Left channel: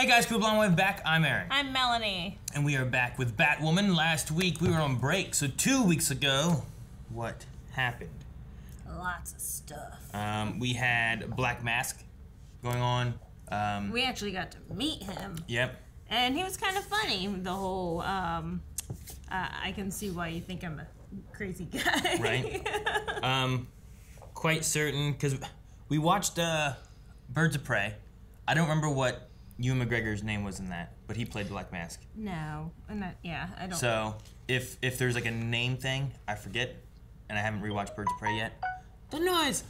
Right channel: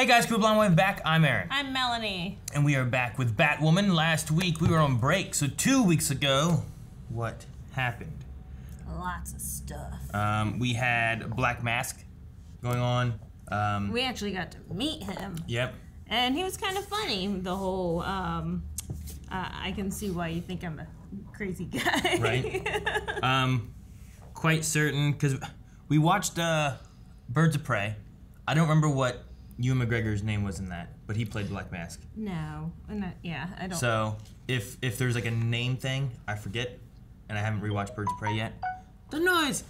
Hey guys, Cool Blonde Wave back. I'm Aaron. I'm Melanie. And we are back with Batwoman. Last week we were on break, so 2 weeks ago, what happened? Lots of stuff. We had Black Mask going on. We actually got to meet him. Yep. And he was kind of funny. The whole, I can see why you think I'm a crazy guy. Right. Quite certain, because we watched Birds of Prey. I don't remember what Ewan McGregor's name was in that, but he played Black Mask. No, I'm not, yeah, I don't. So, if there's like a name thing, I forget, and I haven't rewatched Birds of Prey yet. The noise!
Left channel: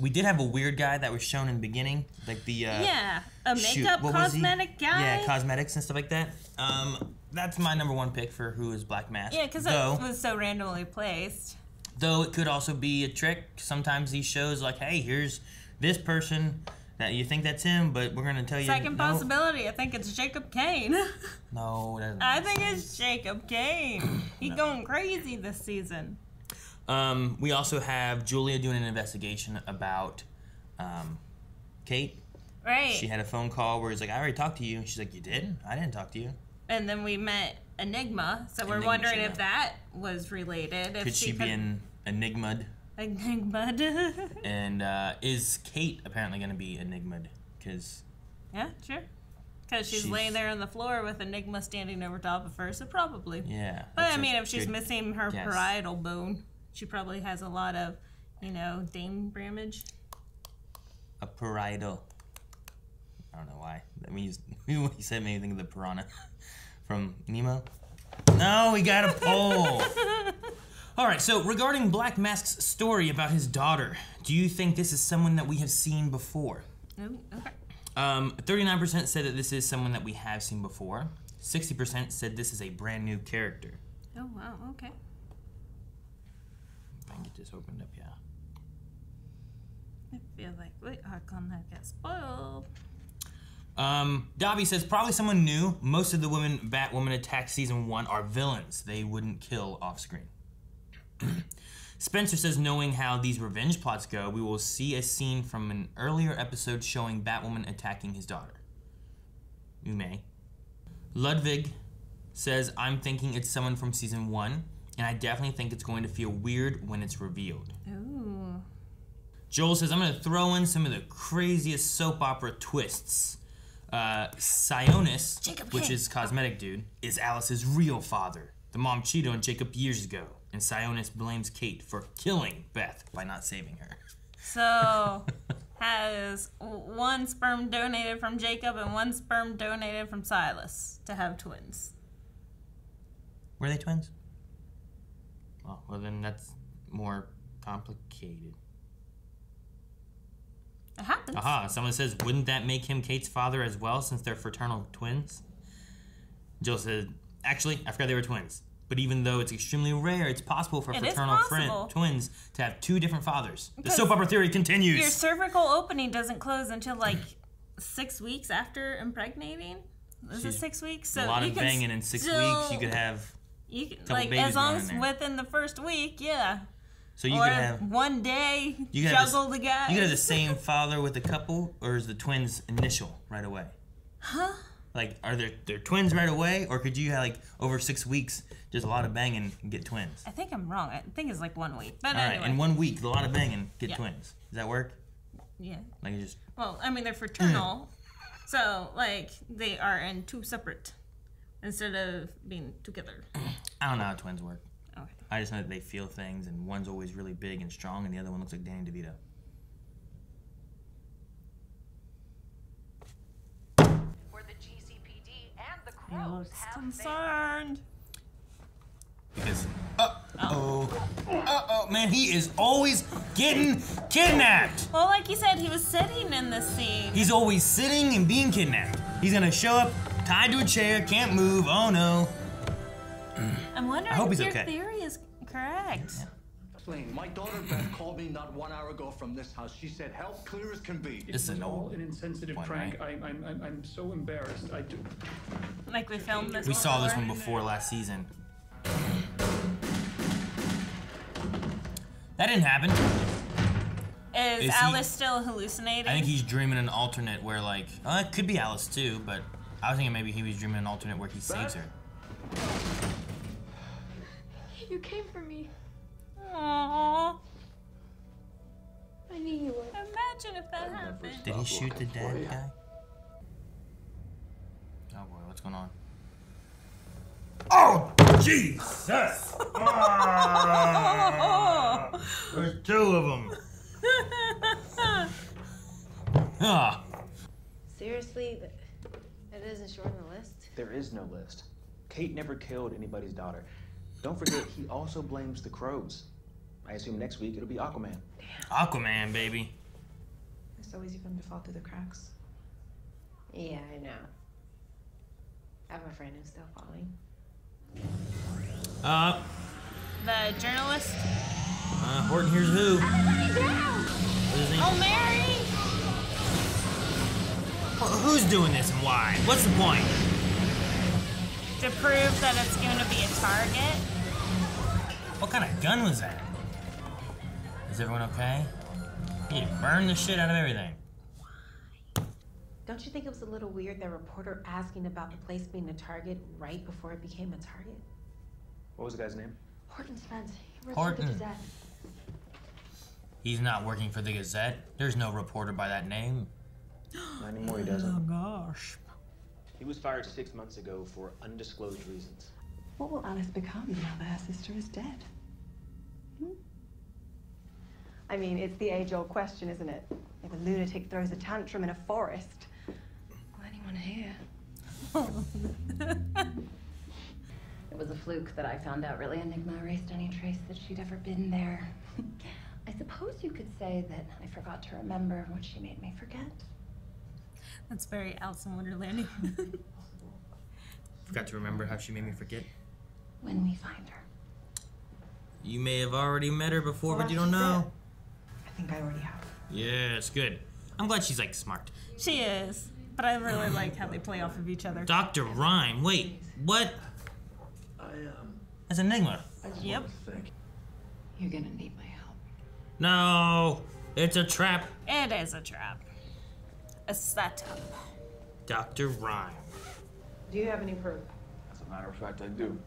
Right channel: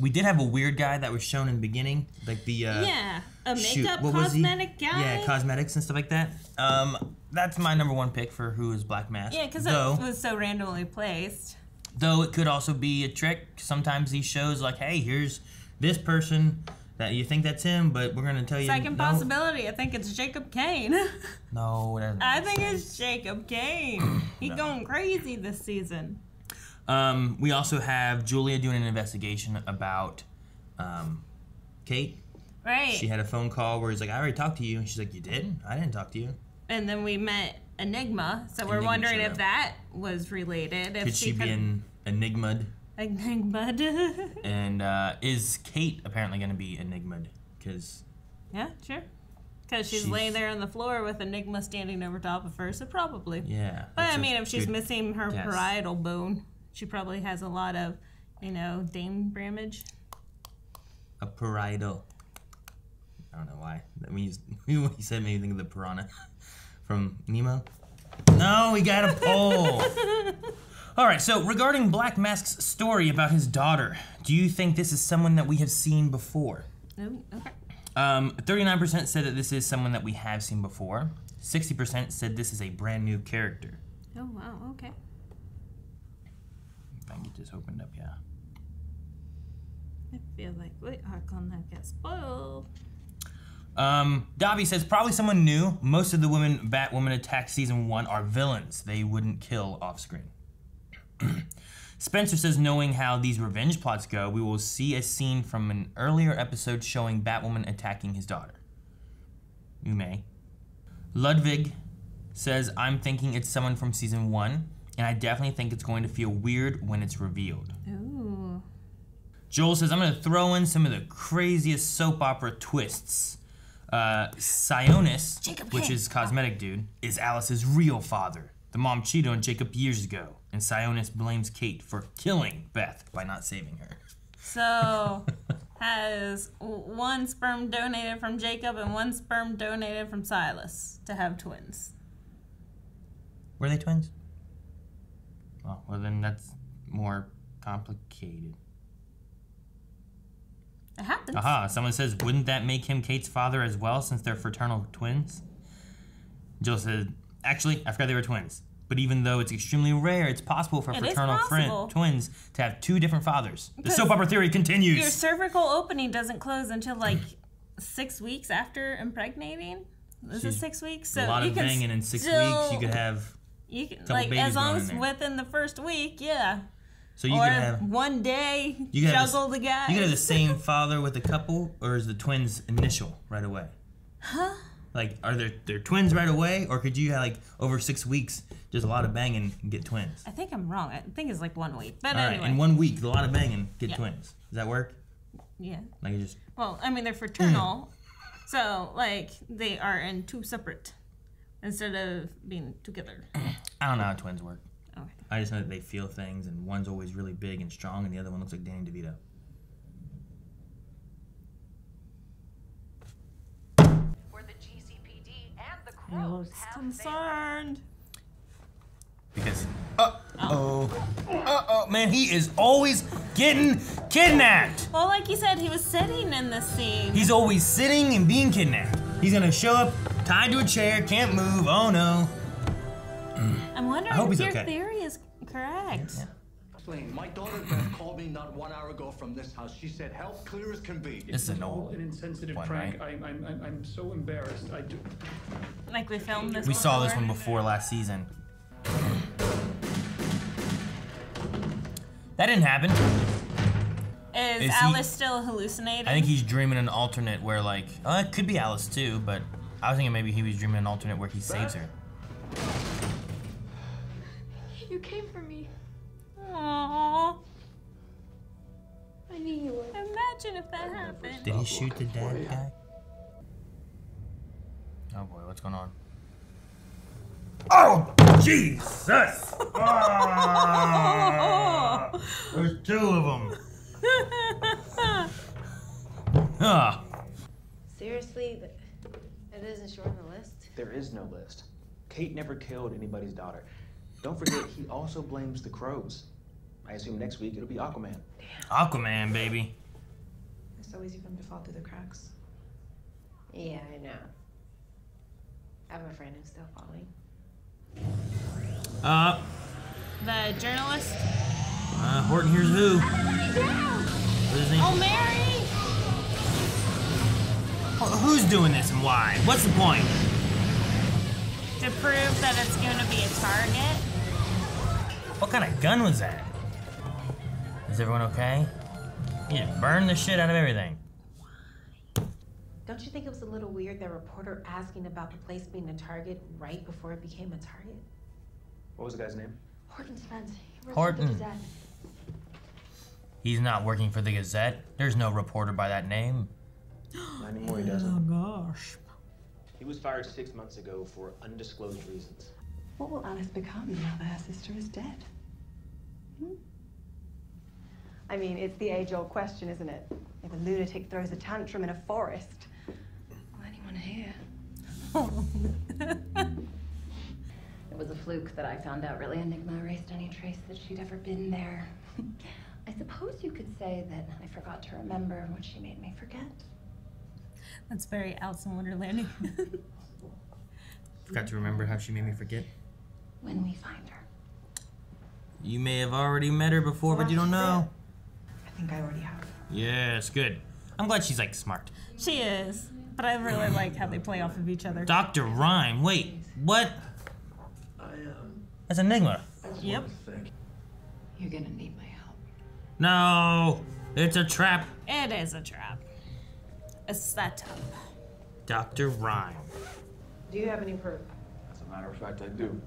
We did have a weird guy that was shown in the beginning, like the, yeah, a makeup cosmetic guy? Yeah, cosmetics and stuff like that. That's my number one pick for who is Black Mask. Yeah, because it was so randomly placed. Though it could also be a trick. Sometimes these shows like, hey, here's this person that you think that's him, but we're gonna tell you. Second possibility. I think it's Jacob Kane. No, it doesn't. I think it's Jacob Kane. He's going crazy this season. We also have Julia doing an investigation about Kate. Right. She had a phone call where he's like, I already talked to you. And she's like, you did? I didn't talk to you. And then we met Enigma, so we're wondering if that was related. Could she be an Enigma'd? Enigma'd. And is Kate apparently going to be Enigma'd? Because... Yeah, sure. Because she's laying there on the floor with Enigma standing over top of her, so probably. Yeah. But I mean, if she's missing her parietal bone, she probably has a lot of, you know, Dame Bramage. A parietal. I don't know why. That means when he said made me think of the piranha from Nemo. No, we got a poll. All right, so regarding Black Mask's story about his daughter, do you think this is someone that we have seen before? Oh, okay. 39% said that this is someone that we have seen before. 60% said this is a brand new character. Oh, wow, okay. If I can get this opened up, yeah. I feel like we are gonna get spoiled. Dobby says, probably someone new. Most of the women Batwoman attacked season 1 are villains. They wouldn't kill off screen. Spencer says, knowing how these revenge plots go, we will see a scene from an earlier episode showing Batwoman attacking his daughter. You may. Ludwig says, I'm thinking it's someone from season 1, and I definitely think it's going to feel weird when it's revealed. Ooh. Joel says, I'm going to throw in some of the craziest soap opera twists. Sionis, which is cosmetic dude, is Alice's real father. The mom cheated on Jacob years ago, and Sionis blames Kate for killing Beth by not saving her. So, has one sperm donated from Jacob and one sperm donated from Silas to have twins. Were they twins? Oh, well then that's more complicated. It happens. Aha, someone says, wouldn't that make him Kate's father as well, since they're fraternal twins? Jill said, actually, I forgot they were twins. But even though it's extremely rare, it's possible for fraternal twins to have two different fathers. The soap opera theory continues. Your cervical opening doesn't close until like 6 weeks after impregnating. Is it 6 weeks? So a lot of banging in 6 weeks. You could have like as long as within the first week, yeah. So you could have one day juggle the guys. You could have the same father with a couple, or is the twins initial right away? Huh? Like, are there twins right away, or could you have, like, over 6 weeks, just a lot of banging and get twins? I think I'm wrong. I think it's like 1 week. But anyway. In 1 week, a lot of banging, get twins. Does that work? Yeah. Like, just... Well, I mean, they're fraternal, so, like, they are in 2 separate, instead of being together. I don't know how twins work. Okay. I just know that they feel things, and one's always really big and strong, and the other one looks like Danny DeVito. I was concerned. Because, man, he is always getting kidnapped. Well, like you said, he was sitting in this scene. He's always sitting and being kidnapped. He's gonna show up, tied to a chair, can't move, oh no. I'm wondering if your theory is correct. Yeah. My daughter Beth called me not 1 hour ago from this house. She said, "Help, clear as can be." It's all an insensitive prank. Right? I'm so embarrassed. I do. Like we filmed this. We saw this one before last season. That didn't happen. Is Alice still hallucinating? I think he's dreaming an alternate where, like, it could be Alice too, but I was thinking maybe he was dreaming an alternate where he saves her. You came for me. Aww. I knew you would. Imagine if that happened. Did he shoot the dead guy? Oh boy, what's going on? Oh, Jesus! Oh, there's two of them. Ah. Seriously, it isn't short on the list? There is no list. Kate never killed anybody's daughter. Don't forget, he also blames the crows. I assume next week it'll be Aquaman. Aquaman, baby. It's always even to fall through the cracks. Yeah, I know. I have a friend who's still falling. The journalist? Horton here's who? Oh, Mary! Who's doing this and why? What's the point? To prove that it's going to be a target. What kind of gun was that? Is everyone okay? You just burned the shit out of everything. Don't you think it was a little weird, that reporter asking about the place being a target right before it became a target? What was the guy's name? Horton Spence. He works Horton. for the Gazette. He's not working for the Gazette. There's no reporter by that name. Not anymore, he doesn't. Oh gosh. He was fired 6 months ago for undisclosed reasons. What will Alice become now that her sister is dead? I mean, it's the age-old question, isn't it? If a lunatic throws a tantrum in a forest, will anyone hear? It was a fluke that I found out really Enigma erased any trace that she'd ever been there. I suppose you could say that I forgot to remember what she made me forget. That's very Alice in Wonderland. Forgot to remember how she made me forget. When we find her. You may have already met her before, but you don't know. I think I already have. Yes, good. I'm glad she's like smart. She is. But I really like how they play off of each other. Dr. Rhyme, wait, what? That's Enigma. Yep. You're gonna need my help. No, it's a trap. It is a trap. A setup. Dr. Rhyme. Do you have any proof? As a matter of fact, I do.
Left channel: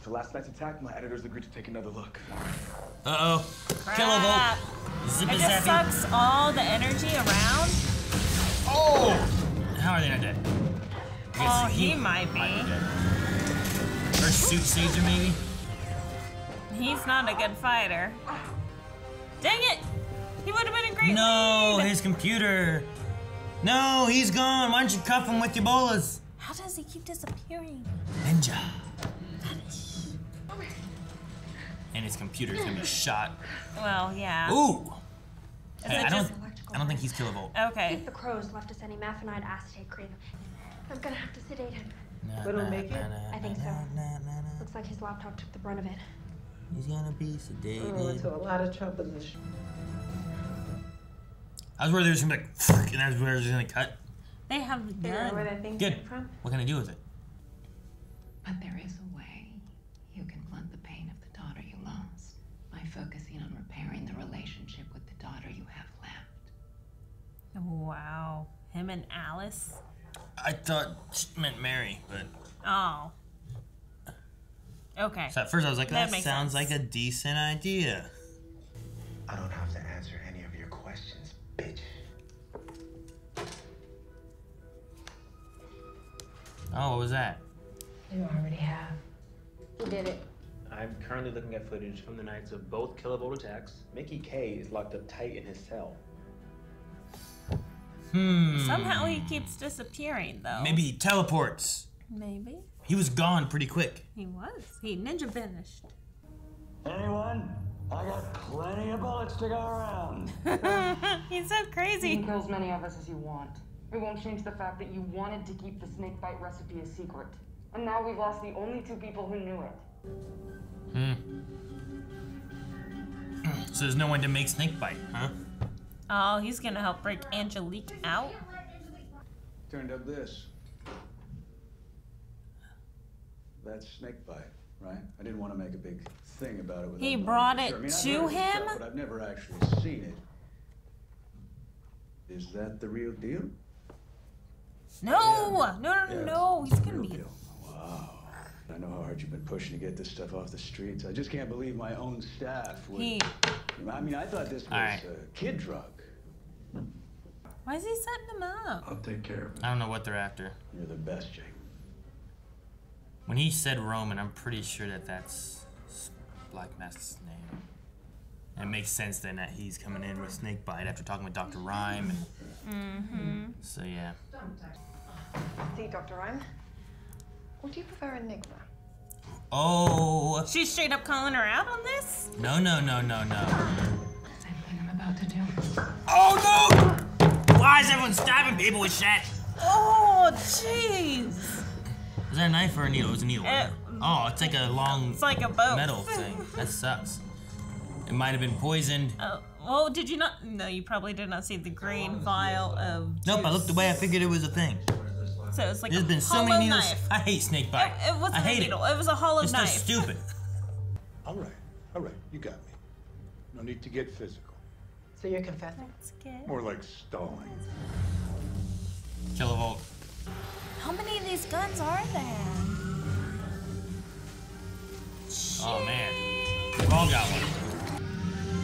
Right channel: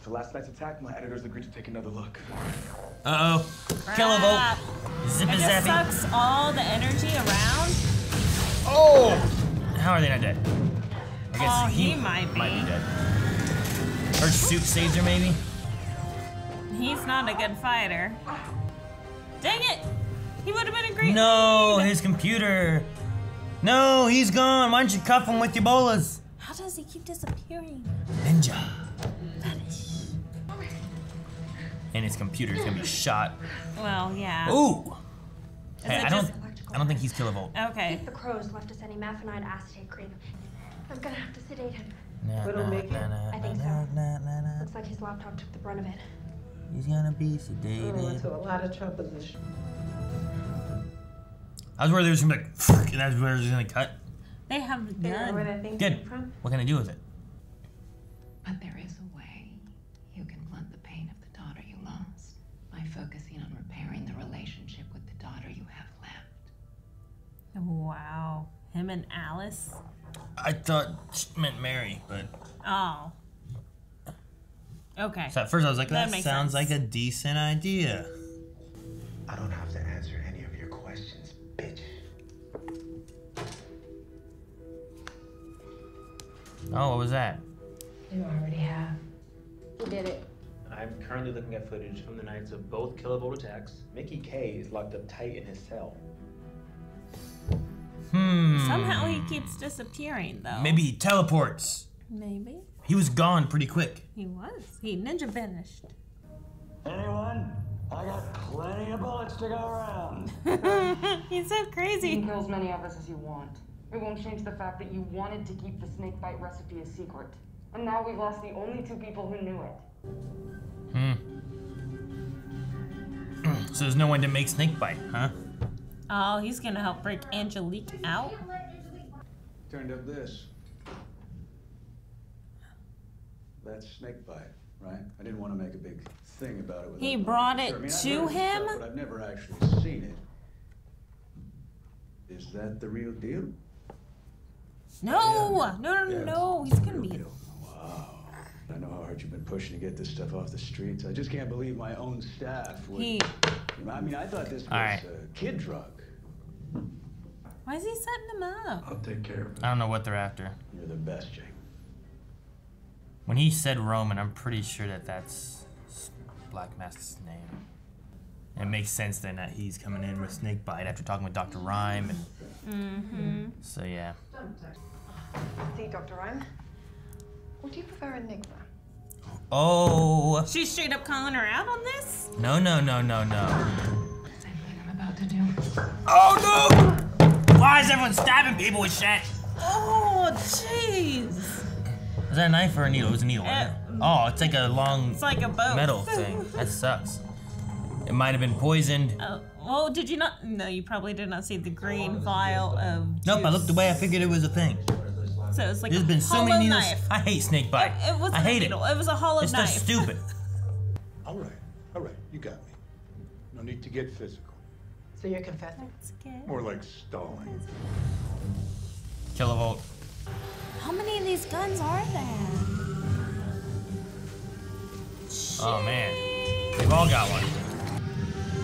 For last night's attack, my editors agreed to take another look. Uh-oh. Kilovolt. Zippy It zappy. sucks all the energy around. Oh! How are they not dead? I guess Oh, he might be. dead. Her suit saves her, maybe? He's not a good fighter. Dang it! He would have been a great No, lead. his computer. No, he's gone. Why don't you cuff him with your bolas? How does he keep disappearing? Ninja. And his computer's gonna be shot. Well, yeah. Ooh. Hey, it I just- don't think he's kilovolt. Okay. If the crows left us any methionine acetate cream, I'm gonna have to sedate him. But it'll make it? I think so. Looks like his laptop took the brunt of it. He's gonna be Oh, sedated. into a lot of trouble this. I was worried they was gonna be like, and that's where it was gonna cut. They have the Figure out where gun. that thing Good. came from? What can I do with it? But there is a way you can blunt the pain of the daughter you lost by focusing on repairing the relationship with the daughter you have left. Wow. Him and Alice? I thought she meant Mary, but Oh. Okay. so at first I was like, that makes sounds sense. like a decent idea. I don't have to answer any of your questions, bitch. Oh, what was that? You already have. He did it. I'm currently looking at footage from the nights of both kilovolt attacks. Mickey K is locked up tight in his cell. Somehow he keeps disappearing, though. Maybe he teleports. Maybe. He was gone pretty quick. He was. He ninja vanished. Anyone? I got plenty of bullets to go around. He's so You crazy. can kill as many of us as you want. It won't change the fact that you wanted to keep the snake bite recipe a secret. And now we've lost the only two people who knew it. So there's no one to make snakebite, huh? Oh, he's gonna help break Angelique out. Turned up this. That's snakebite. right? I didn't want to make a big thing about it. He brought it I've to heard of the him? stuff, but I've never actually seen it. Is that the real deal? No, Yeah. no. It's He's the gonna real be. deal. Wow. I know how hard you've been pushing to get this stuff off the streets. I just can't believe my own staff would. I mean, I thought this was a kid drug. Why is he setting him up? I'll take care of it. I don't know what they're after. You're the best, Jake. When he said Roman, I'm pretty sure that that's Black Mask's name. And it makes sense then that he's coming in with Snakebite after talking with Dr. Rhyme. And so, yeah. See, Dr. Rhyme? Would you prefer Enigma? Oh! She's straight up calling her out on this? No. Same thing I'm about to do. Oh, no! Why is everyone stabbing people with shit? Oh, jeez. Is that a knife or a needle? It was a needle, right? Oh, it's like a long like a boat. metal thing. That sucks. It might have been poisoned. Well, did you not? No, you probably did not see the green vial of juice. Nope, I looked away. I figured it was a thing. So it's like There's been so many needles. knife. I hate snake bite. It wasn't I hate a needle. It was a hollow it's knife. It's just stupid. All right, you got me. No need to get physical. So you're confessing? More like stalling. Kilovolt. How many of these guns are there? Oh man, we've all got one.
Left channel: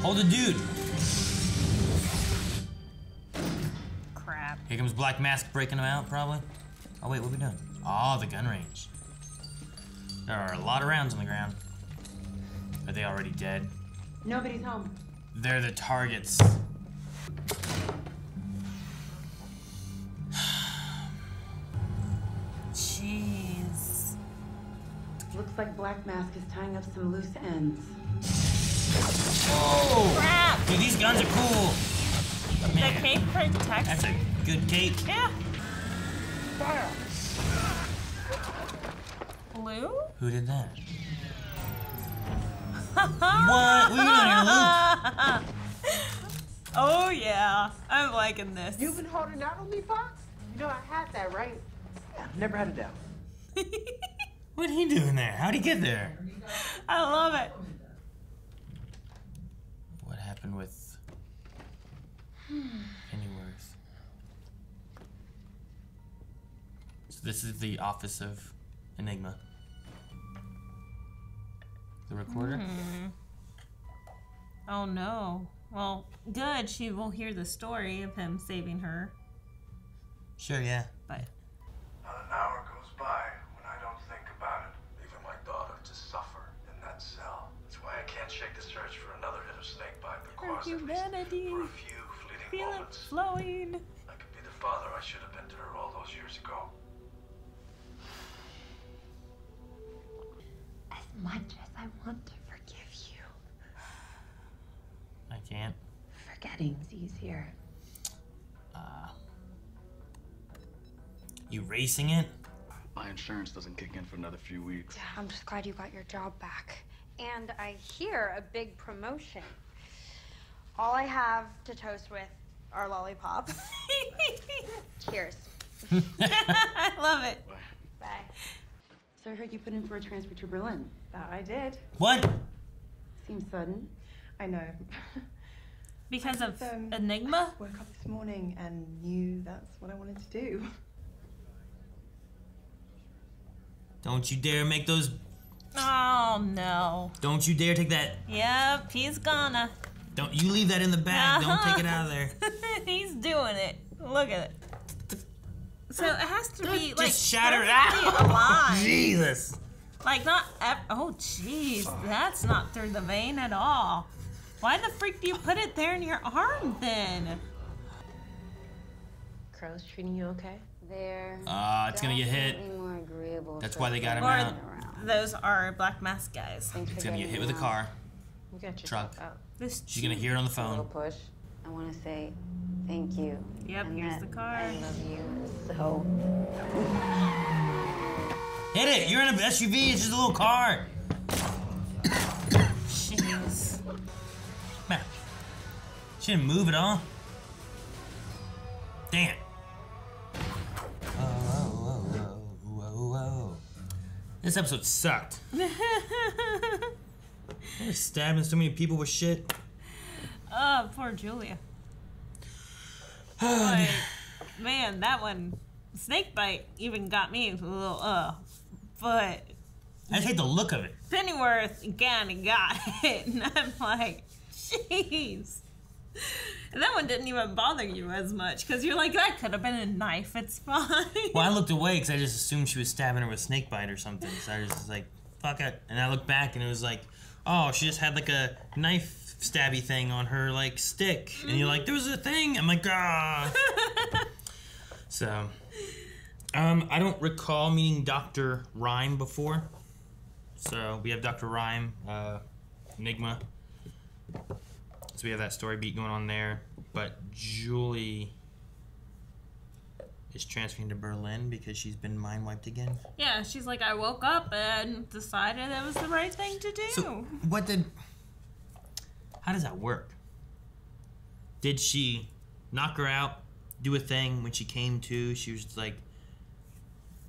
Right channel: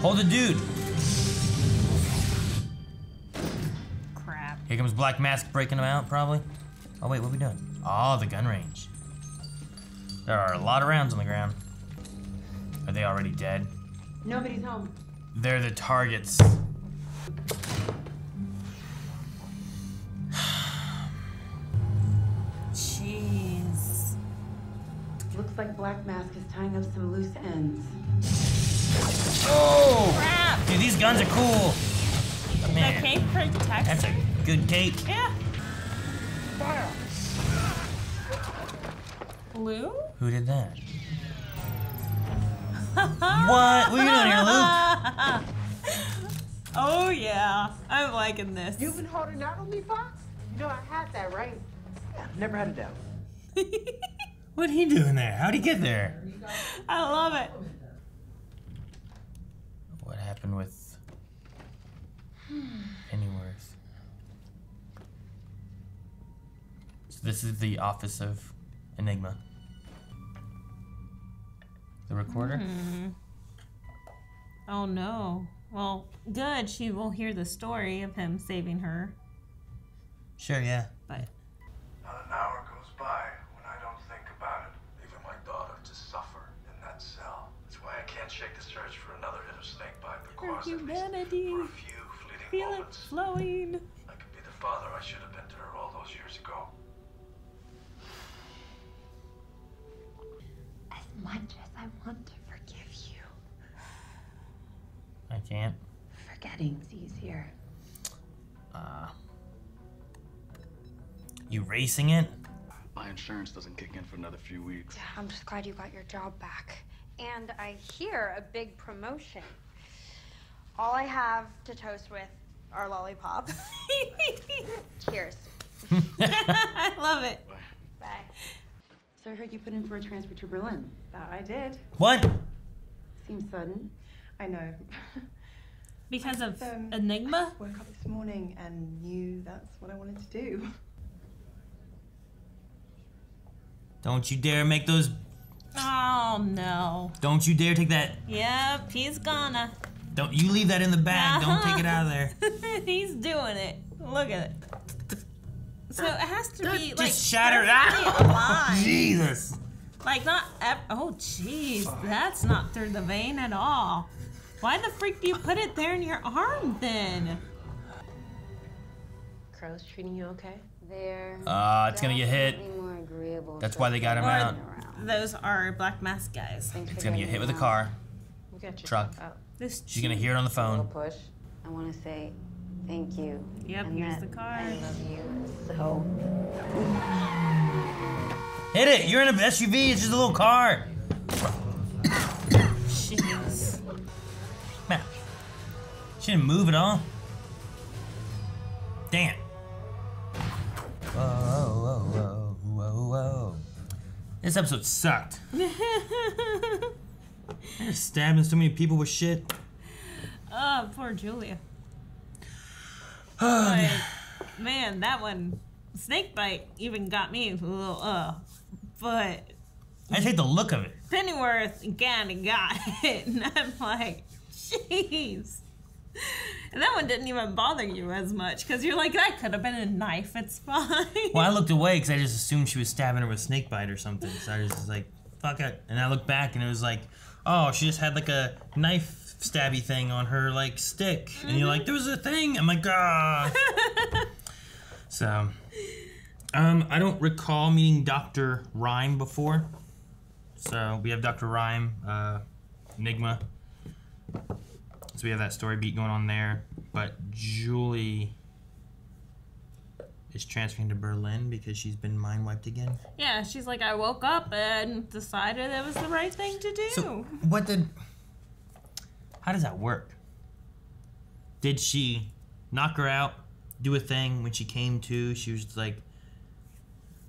Hold the dude. Crap. Here comes Black Mask breaking them out, probably. Oh wait, what are we doing? Oh, the gun range. There are a lot of rounds on the ground. Are they already dead? Nobody's home. They're the targets. Jeez. Looks like Black Mask is tying up some loose ends. Oh! Crap! Dude, these guns are cool. Man, The cape protects. that's a good cape. Yeah. Blue? Who did that? What? What are you doing here, Luke? Oh yeah, I'm liking this. You've been holding out on me, Fox? You know I had that, right? Yeah, never had a doubt. What'd he do in there? How'd he get there? I love it. What happened with Pennyworth? So this is the office of Enigma. The recorder? Oh no. Well, good. She will hear the story of him saving her. Sure, yeah. But not an hour goes by when I don't think about it, leaving my daughter to suffer in that cell. That's why I can't shake the search for another hit of snakebite that caused at least for a few fleeting moments. Flowing. I could be the father I should have been to her all those years ago. As much as I want to forgive you, I can't. forgetting's easier. You racing it? My insurance doesn't kick in for another few weeks. Yeah, I'm just glad you got your job back. And I hear a big promotion. All I have to toast with are lollipops. Cheers. I love it. Bye. So I heard you put in for a transfer to Berlin. That I did. What? Seems sudden. I know. Because of I Enigma? woke up this morning and knew that's what I wanted to do. Don't you dare make those. Oh no. Don't you dare take that. Yep, he's gonna. Don't you leave that in the bag. Don't take it out of there. He's doing it. Look at it. So it has to be like Just shatter it has to out. be alive. Jesus. Like not. Oh jeez, that's not through the vein at all. Why the freak do you put it there in your arm then? Crow's treating you okay? They're It's gonna get hit. definitely more agreeable. That's why they got him Or out. those are Black Mask guys. It's gonna get hit with a car. You got Truck. out. This She's gonna hear it on the A little phone. push. I want to say thank you. Yep, and here's that the car. I love you so. Hit it. You're in an SUV. It's just a little car. Jeez. Man, she didn't move at all. Damn. Whoa. This episode sucked. They're stabbing so many people with shit. Oh, poor Julia. Oh, like, man, that one, snakebite even got me a little, but... I just hate the look of it. Pennyworth kind of got it, and I'm like, jeez. And that one didn't even bother you as much, because you're like, that could have been a knife, it's fine. Well, I looked away because I just assumed she was stabbing her with snakebite or something, so I was just like, fuck it. And I looked back, and it was like, oh, she just had like a knife stabby thing on her like stick, and you're like, there was a thing. I'm like, ah. So, I don't recall meeting Dr. Rhyme before. So we have Dr. Rhyme, Enigma. So we have that story beat going on there. But Julie is transferring to Berlin because she's been mind wiped again. Yeah, she's like, I woke up and decided it was the right thing to do. So how does that work? Did she knock her out, do a thing when she came to, she was just like,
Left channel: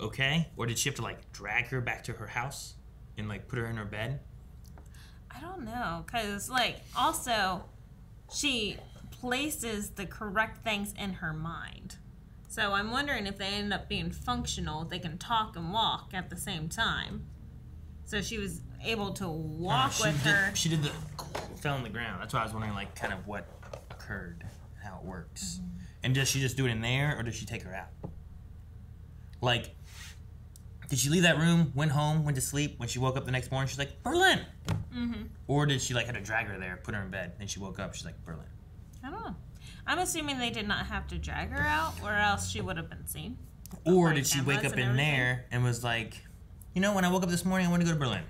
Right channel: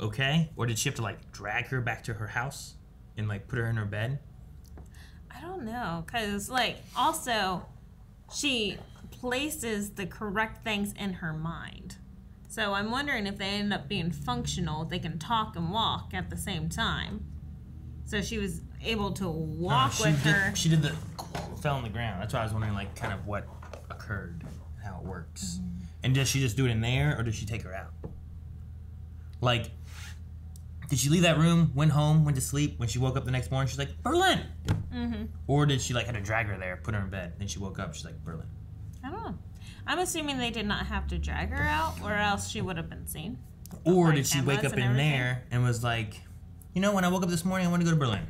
okay? Or did she have to like drag her back to her house and like put her in her bed? I don't know, because like also she places the correct things in her mind. So I'm wondering if they end up being functional, if they can talk and walk at the same time. So she was able to walk with her. She did the fell on the ground. That's why I was wondering like kind of what occurred, how it works. Mm-hmm. And does she just do it in there, or does she take her out? Like, did she leave that room, went home, went to sleep? When she woke up the next morning, she's like, Berlin! Mm-hmm. Or did she, like, have to drag her there, put her in bed, then she woke up, she's like, Berlin? I don't know. I'm assuming they did not have to drag her out, or else she would have been seen. Or did she wake up in there and was like, you know, when I woke up this morning, I want to go to Berlin?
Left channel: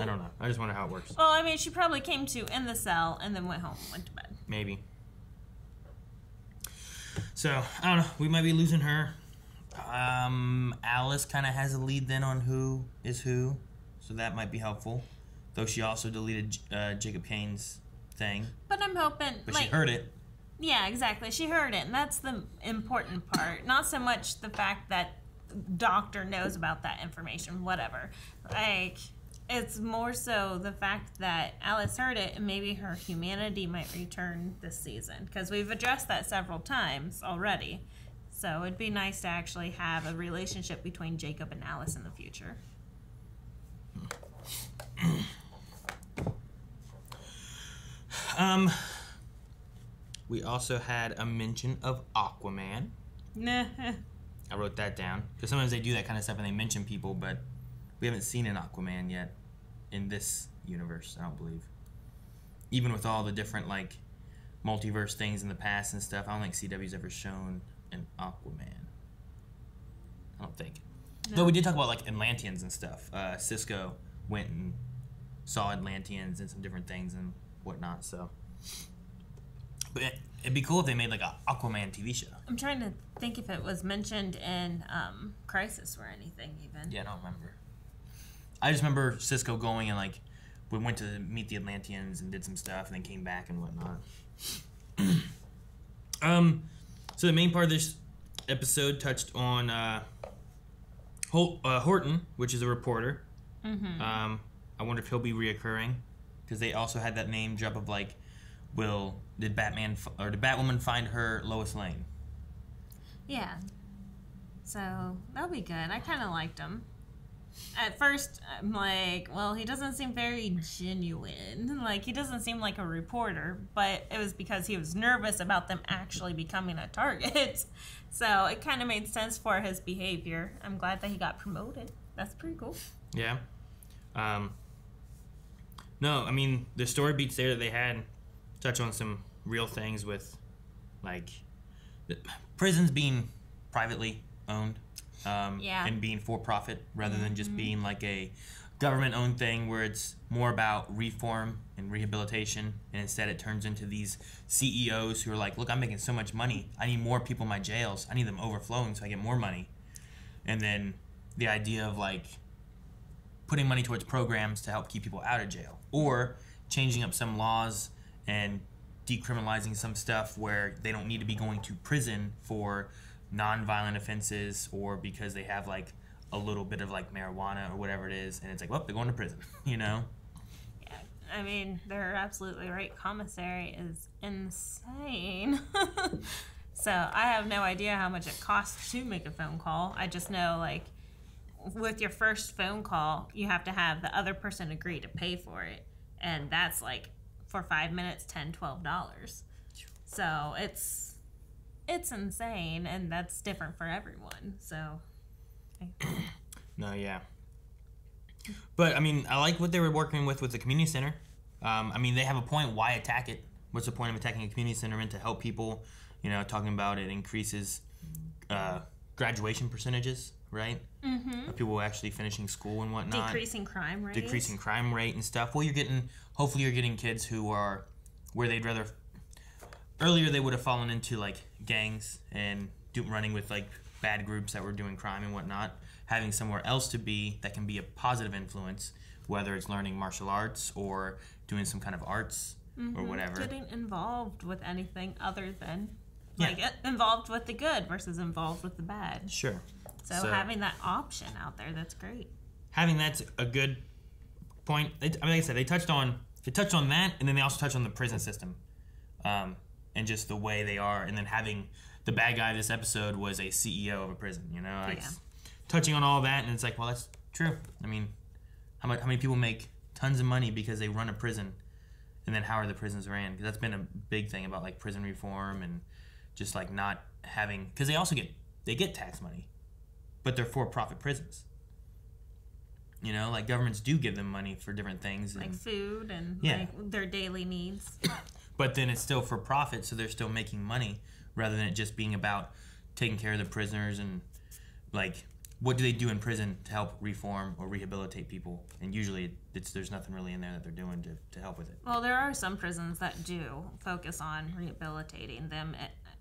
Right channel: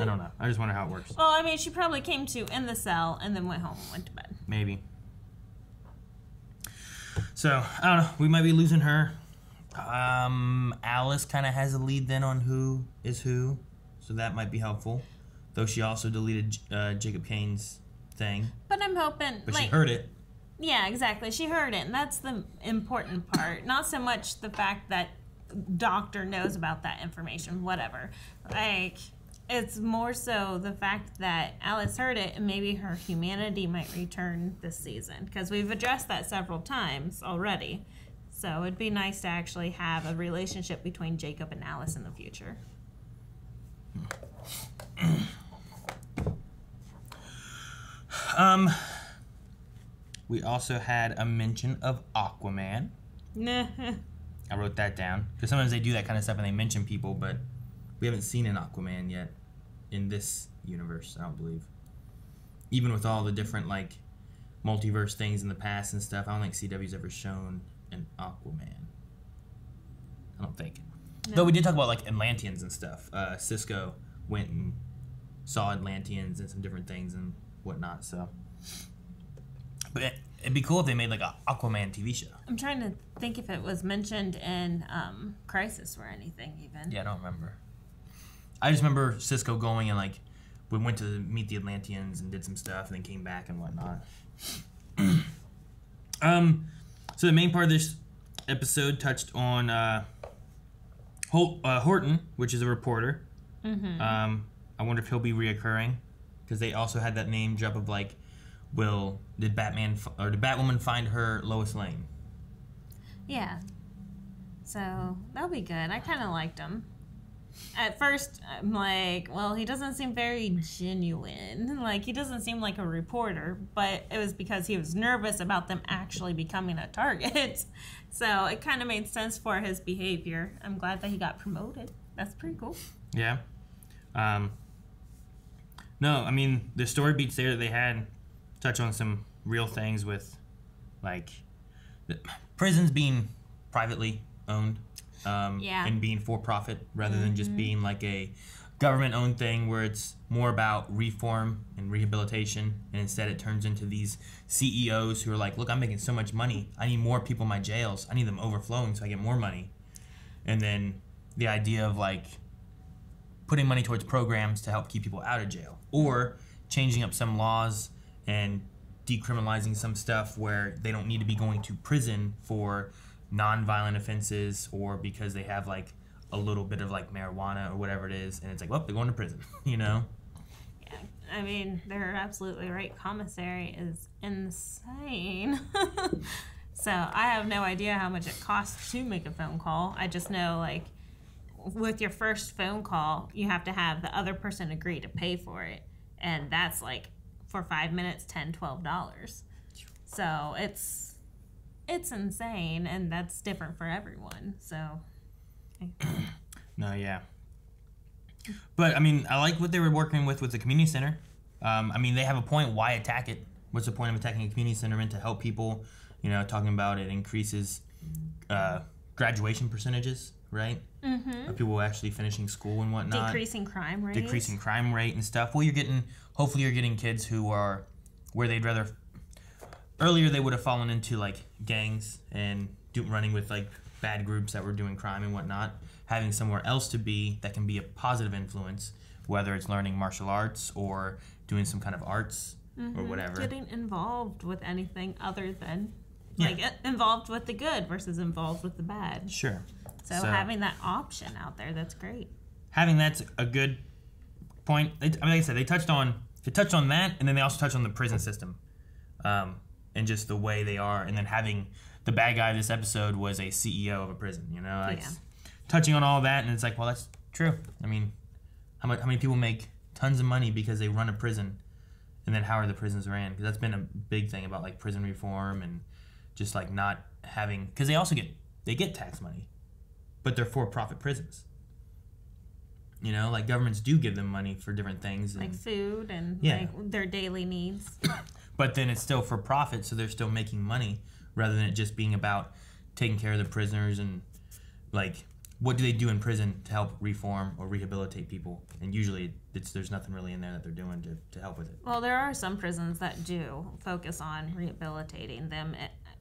I don't know. I just wonder how it works. Well, I mean, she probably came to in the cell and then went home and went to bed. Maybe. So, I don't know. We might be losing her. Alice kind of has a lead then on who is who, so that might be helpful. Though she also deleted Jacob Kane's thing. But I'm hoping... But she heard it. Yeah, exactly. She heard it, and that's the important part. Not so much the fact that Doctor knows about that information, whatever. Like, it's more so the fact that Alice heard it, and maybe her humanity might return this season. Because we've addressed that several times already. So it'd be nice to actually have a relationship between Jacob and Alice in the future. We also had a mention of Aquaman. I wrote that down. Because sometimes they do that kind of stuff and they mention people, but we haven't seen an Aquaman yet in this universe, I don't believe. Even with all the different, like, multiverse things in the past and stuff, I don't think CW's ever shown an Aquaman. I don't think. No. Though we did talk about, like, Atlanteans and stuff. Cisco went and saw Atlanteans and some different things and whatnot, so... But it'd be cool if they made like an Aquaman TV show. I'm trying to think if it was mentioned in Crisis or anything even. Yeah, I don't remember. I just remember Cisco going and like we went to meet the Atlanteans and did some stuff and then came back and whatnot. So the main part of this episode touched on Horton, which is a reporter. Mm-hmm. I wonder if he'll be reoccurring because they also had that name drop of like, did Batwoman find her Lois Lane? Yeah. So that'll be good. I kind of liked him. At first, I'm like, well, he doesn't seem very genuine. Like, he doesn't seem like a reporter, but it was because he was nervous about them actually becoming a target. So it kind of made sense for his behavior. I'm glad that he got promoted. That's pretty cool. Yeah. No, I mean, the story beats there that they had touch on some real things with, like, prisons being privately owned and being for profit rather than just being like a government-owned thing where it's more about reform and rehabilitation, and instead it turns into these CEOs who are like, look, I'm making so much money. I need more people in my jails. I need them overflowing so I get more money. And then the idea of, like, putting money towards programs to help keep people out of jail, or changing up some laws and decriminalizing some stuff where they don't need to be going to prison for non-violent offenses or because they have like a little bit of like marijuana or whatever it is, and it's like, well, they're going to prison, you know? I mean, they're absolutely right. Commissary is insane. So I have no idea how much it costs to make a phone call. I just know, like, with your first phone call, you have to have the other person agree to pay for it. And that's like, for 5 minutes, $10, $12. So it's insane, and that's different for everyone. So. No, yeah. But, I mean, I like what they were working with the community center. I mean, they have a point. Why attack it? What's the point of attacking a community center and to help people? You know, talking about it increases graduation percentages, right? Mm-hmm. Of people actually finishing school and whatnot. Decreasing crime rate. Decreasing crime rate and stuff. Well, hopefully you're getting kids who are where they'd rather... Earlier, they would have fallen into, like, gangs and running with, like, bad groups that were doing crime and whatnot. Having somewhere else to be that can be a positive influence, whether it's learning martial arts or doing some kind of arts or whatever. Getting involved with anything other than, like, involved with the good versus involved with the bad. Sure. So having that option out there, that's great. Having that's a good point. I mean, like I said, they touched on that, and then they also touched on the prison system, and just the way they are, and then having the bad guy of this episode was a CEO of a prison. You know, like touching on all that, and it's like, well, that's true. I mean, how many people make tons of money because they run a prison, and then how are the prisons ran? Because that's been a big thing about like prison reform and just like not having, because they also get tax money, but they're for-profit prisons. You know, like governments do give them money for different things, like food and like their daily needs. But then it's still for profit, so they're still making money rather than it just being about taking care of the prisoners and like what do they do in prison to help reform or rehabilitate people? And usually there's nothing really in there that they're doing to help with it. Well, there are some prisons that do focus on rehabilitating them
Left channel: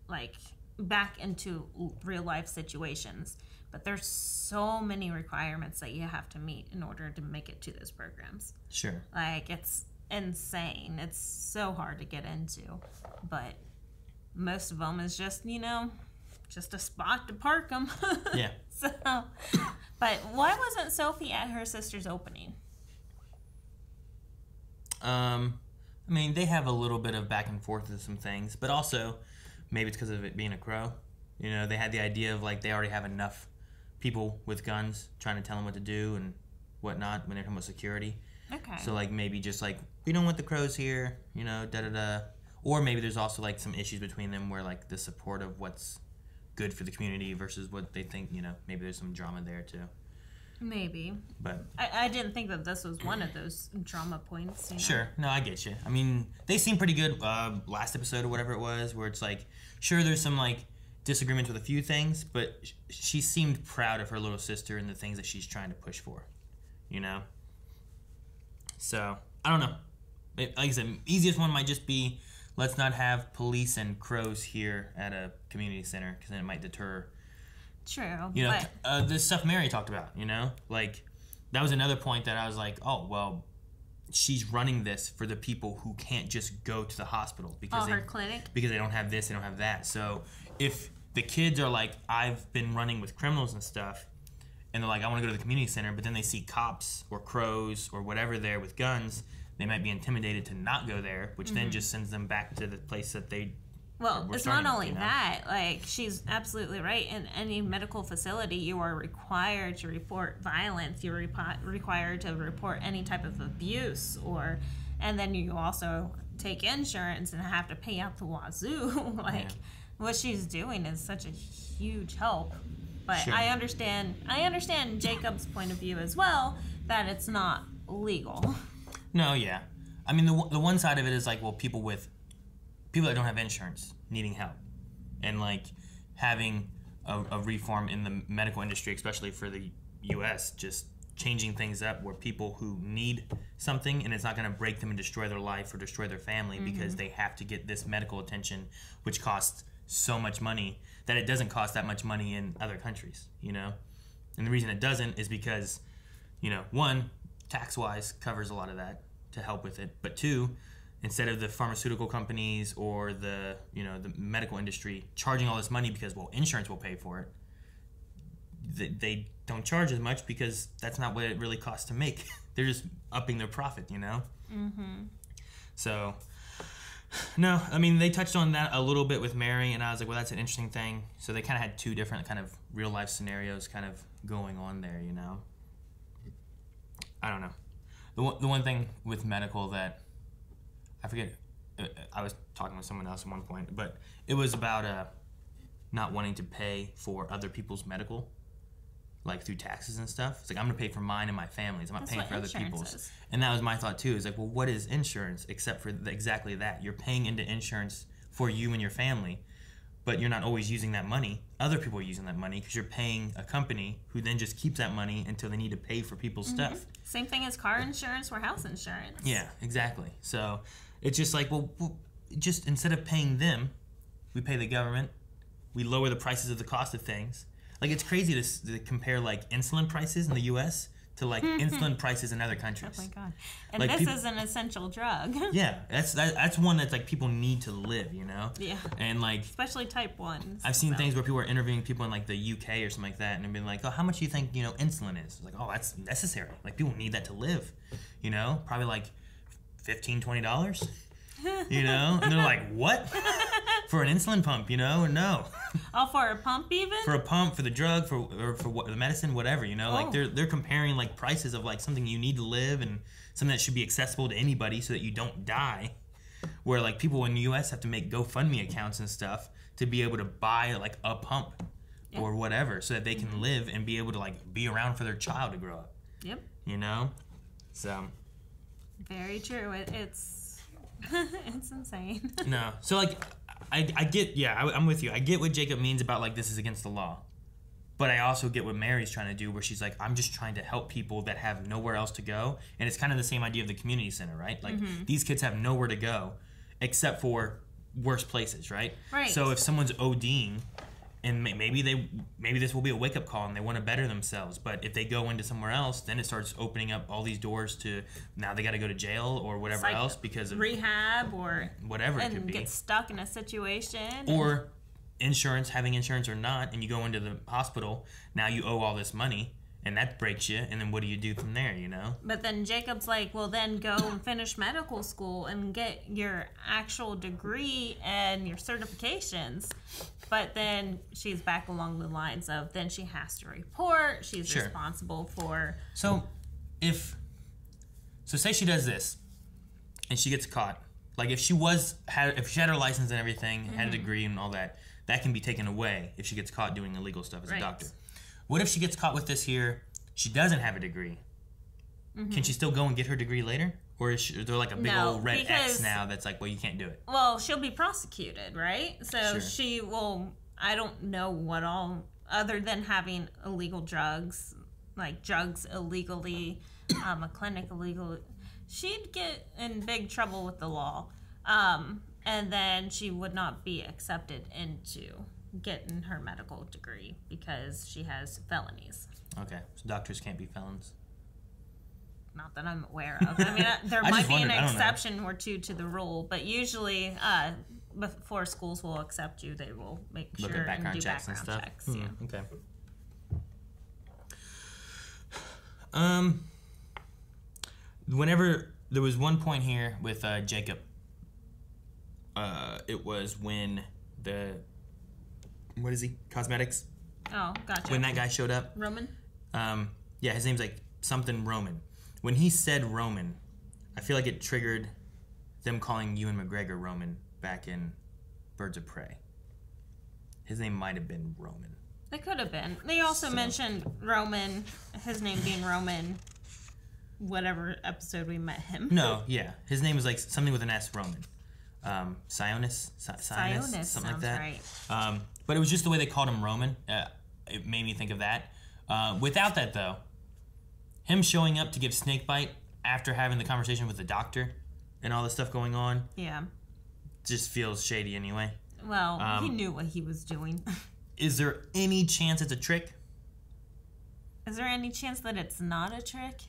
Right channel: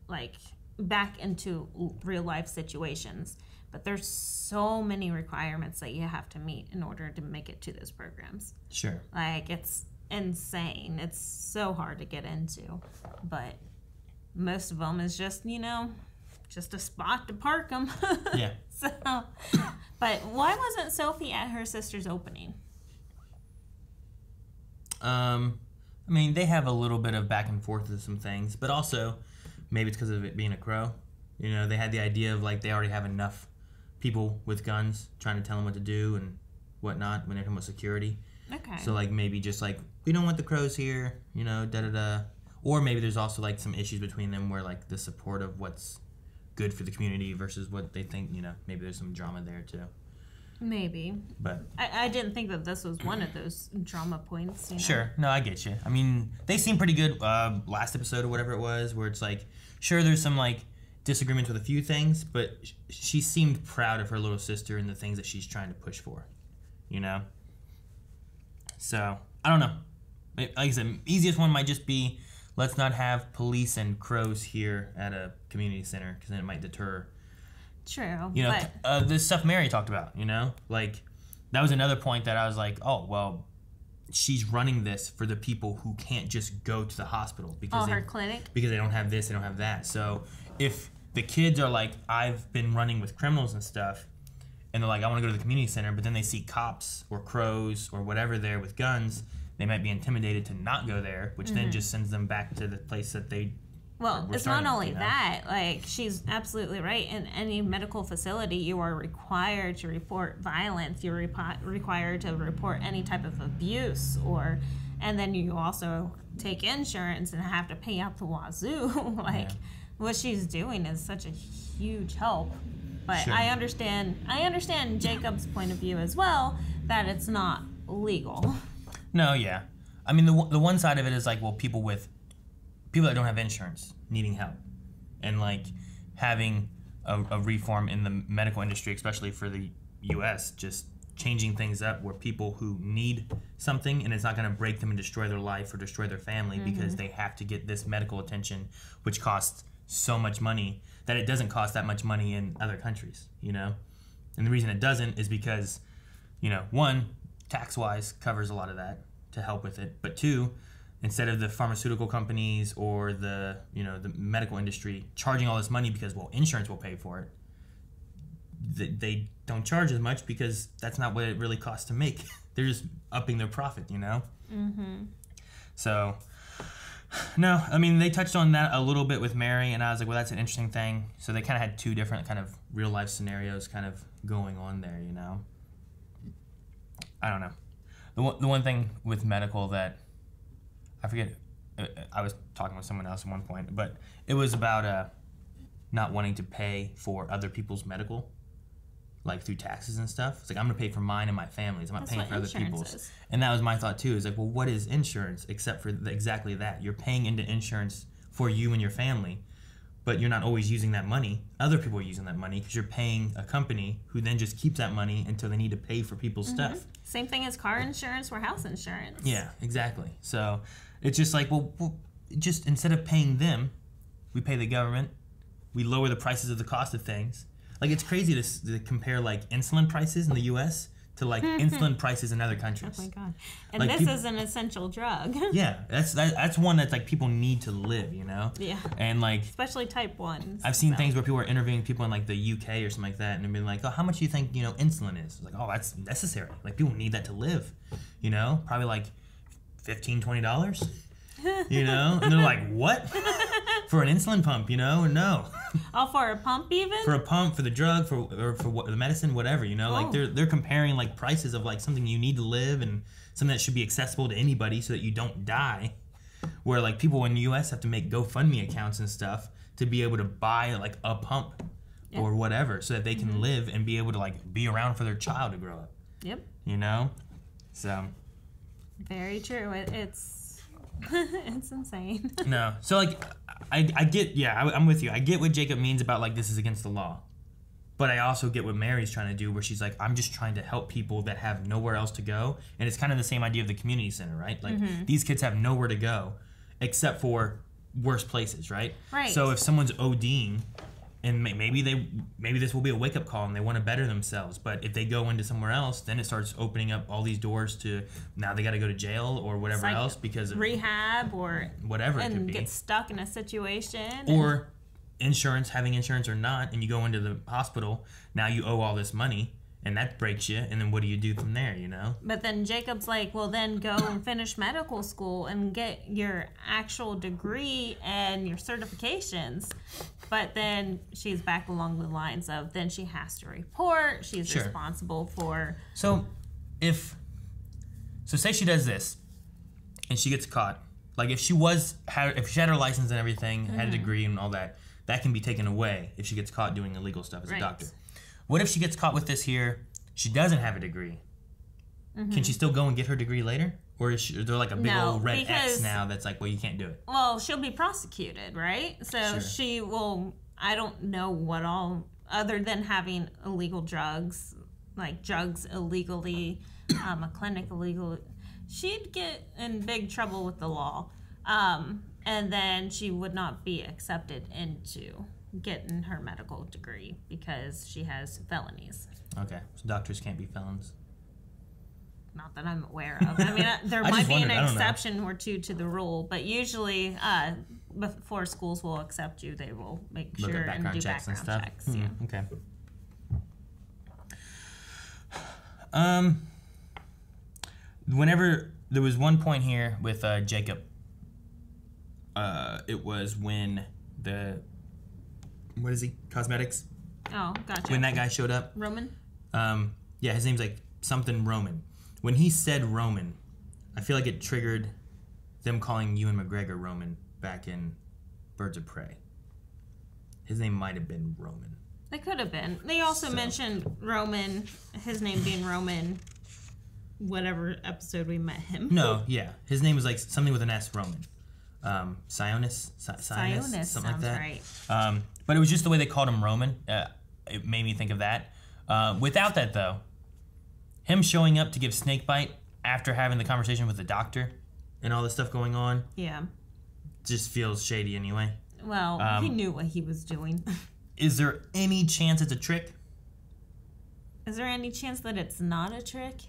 like back into real life situations. But there's so many requirements that you have to meet in order to make it to those programs. Sure. Like, it's insane. It's so hard to get into. But most of them is just, you know, just a spot to park them. Yeah. So, but why wasn't Sophie at her sister's opening? I mean, they have a little bit of back and forth with some things, but also maybe it's because of it being a crow. You know, they had the idea of like they already have enough people with guns trying to tell them what to do and whatnot when they're talking about security. Okay. So like maybe just like we don't want the crows here, you know, da da da. Or maybe there's also like some issues between them where like the support of what's good for the community versus what they think, you know, maybe there's some drama there too. Maybe. But I didn't think that this was one of those drama points. You know? Sure. No, I get you. I mean, they seem pretty good last episode or whatever it was, where it's like, sure, there's some like disagreements with a few things, but she seemed proud of her little sister and the things that she's trying to push for, you know? So, I don't know. Like I said, easiest one might just be, let's not have police and crows here at a community center, because then it might deter. True. You know, but the stuff Mary talked about, you know? Like, that was another point that I was like, oh, well, she's running this for the people who can't just go to the hospital. Because her clinic? Because they don't have this, they don't have that. So, if the kids are like, I've been running with criminals and stuff, and they're like, I want to go to the community center, but then they see cops or crows or whatever there with guns, they might be intimidated to not go there, which then just sends them back to the place that they Well, it's not only that, like, she's absolutely right. In any medical facility, you are required to report violence. You're required to report any type of abuse, and then you also take insurance and have to pay out the wazoo. What she's doing is such a huge help. But Sure. I understand Jacob's point of view as well, that it's not legal. No, yeah. I mean, the one side of it is like, well, people that don't have insurance needing help, and like having a reform in the medical industry, especially for the U.S., just changing things up where people who need something and it's not going to break them and destroy their life or destroy their family because they have to get this medical attention, which costs so much money that it doesn't cost that much money in other countries, you know? And the reason it doesn't is because, you know, one, tax-wise covers a lot of that to help with it, but two, instead of the pharmaceutical companies or the medical industry charging all this money because, well, insurance will pay for it, they don't charge as much because that's not what it really costs to make. They're just upping their profit, you know? Mm-hmm. So, no, I mean, they touched on that a little bit with Mary, and I was like, well, that's an interesting thing. So they kind of had two different kind of real-life scenarios kind of going on there, you know? I don't know. The one thing with medical that, I forget, I was talking with someone else at one point, but it was about not wanting to pay for other people's medical, like through taxes and stuff. It's like, I'm going to pay for mine and my family's. I'm not paying for other people's. Is. And that was my thought too. It's like, well, what is insurance except for exactly that? You're paying into insurance for you and your family, but you're not always using that money. Other people are using that money because you're paying a company who then just keeps that money until they need to pay for people's stuff. Same thing as car insurance or house insurance. Yeah, exactly. So it's just like, well, just instead of paying them, we pay the government. We lower the prices of the cost of things. Like, it's crazy to compare, like, insulin prices in the U.S. to, like, insulin prices in other countries. Oh, my God. And like, this is an essential drug. Yeah, that's one that's, like, people need to live, you know? Yeah. And, like... especially type 1s. I've seen things where people are interviewing people in, like, the U.K. or something like that, and they're being like, oh, how much do you think, you know, insulin is? It's like, oh, that's necessary. Like, people need that to live, you know? Probably, like, $15, $20, you know? And they're like, what? For an insulin pump, you know? No. Oh, for a pump even? For a pump, for the drug, for the medicine, whatever, you know? Like, they're comparing, like, prices of, like, something you need to live and something that should be accessible to anybody so that you don't die. Where, like, people in the U.S. have to make GoFundMe accounts and stuff to be able to buy, like, a pump or whatever so that they can live and be able to, like, be around for their child to grow up. Yep. You know? So. Very true. It's it's insane. No. So, like... I get, I'm with you. I get what Jacob means about, like, this is against the law. But I also get what Mary's trying to do, where she's like, I'm just trying to help people that have nowhere else to go. And it's kind of the same idea of the community center, right? Like, these kids have nowhere to go except for worse places, right? Right. So if someone's ODing, and maybe this will be a wake-up call and they want to better themselves, but if they go into somewhere else, then it starts opening up all these doors to now they got to go to jail or whatever else because of rehab or whatever it could be. Get stuck in a situation or having insurance or not, and you go into the hospital, now you owe all this money and that breaks you, and then what do you do from there, you know? But then Jacob's like, well, then go and finish medical school and get your actual degree and your certifications. But then she's back along the lines of then she has to report. She's responsible for... So say she does this and she gets caught. Like, if she had her license and everything, had a degree and all that, that can be taken away if she gets caught doing illegal stuff as a doctor. What if she gets caught with this here, she doesn't have a degree? Can she still go and get her degree later? Or is there like a big old red X now that's like, well, you can't do it? Well, she'll be prosecuted, right? So she will, I don't know what all, other than having illegal drugs, like drugs illegally, a clinic illegally, she'd get in big trouble with the law. And then she would not be accepted into getting her medical degree because she has felonies. Okay, so doctors can't be felons? Not that I'm aware of. I mean, there might be an exception or two to the rule, but usually before schools will accept you, they will make sure and do background checks. Okay. Whenever there was one point here with Jacob, it was when what is he? Cosmetics? Oh, gotcha. When that guy showed up. Roman? Yeah, his name's like something Roman. When he said Roman, I feel like it triggered them calling Ewan McGregor Roman back in Birds of Prey. His name might have been Roman. It could have been. They also mentioned Roman, his name being Roman, whatever episode we met him. No, yeah. His name was like something with an S, Roman. Sionis, something like that. Right. But it was just the way they called him Roman. It made me think of that. Without that, though, him showing up to give snakebite after having the conversation with the doctor and all this stuff going on, just feels shady anyway. Well, he knew what he was doing. Is there any chance it's a trick? Is there any chance that it's not a trick?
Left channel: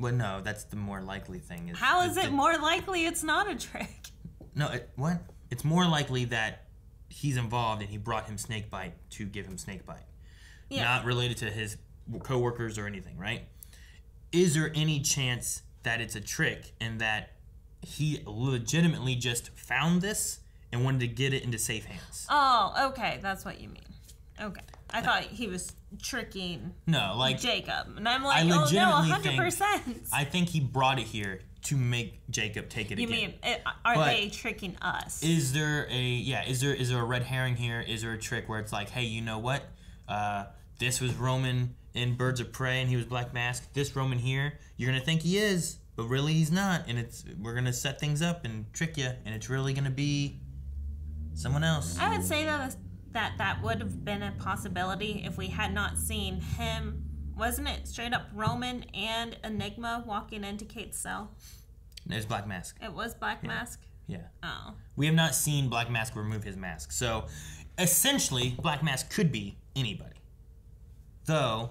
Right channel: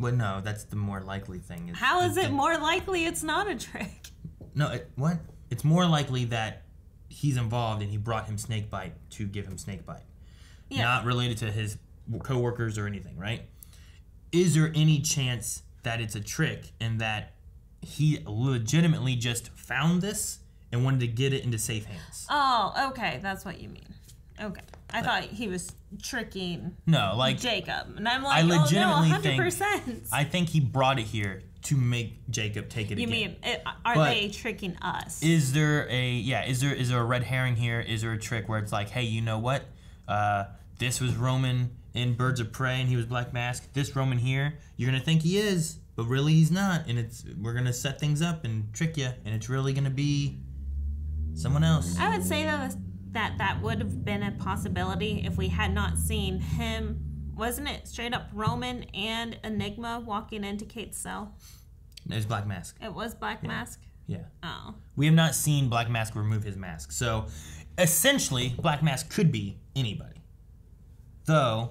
Well, no, that's the more likely thing. How is it more likely it's not a trick? No, what? It's more likely that he's involved and he brought him snakebite to give him snakebite. not related to his co-workers or anything, right? Is there any chance that it's a trick and that he legitimately just found this and wanted to get it into safe hands? Oh, okay. That's what you mean. Okay. I thought he was tricking Jacob. And I'm like, I legitimately 100%. I think he brought it here to make Jacob take it You again. mean, are they tricking us? Is there a red herring here? Is there a trick where it's like, hey, you know what? This was Roman in Birds of Prey and he was Black Mask. This Roman here, you're going to think he is, but really he's not. And we're going to set things up and trick you, and it's really going to be someone else. I would say that would have been a possibility if we had not seen him. Wasn't it straight up Roman and Enigma walking into Kate's cell? It's Black Mask. It was Black Mask? Yeah. Oh. We have not seen Black Mask remove his mask. So, essentially, Black Mask could be anybody. Though,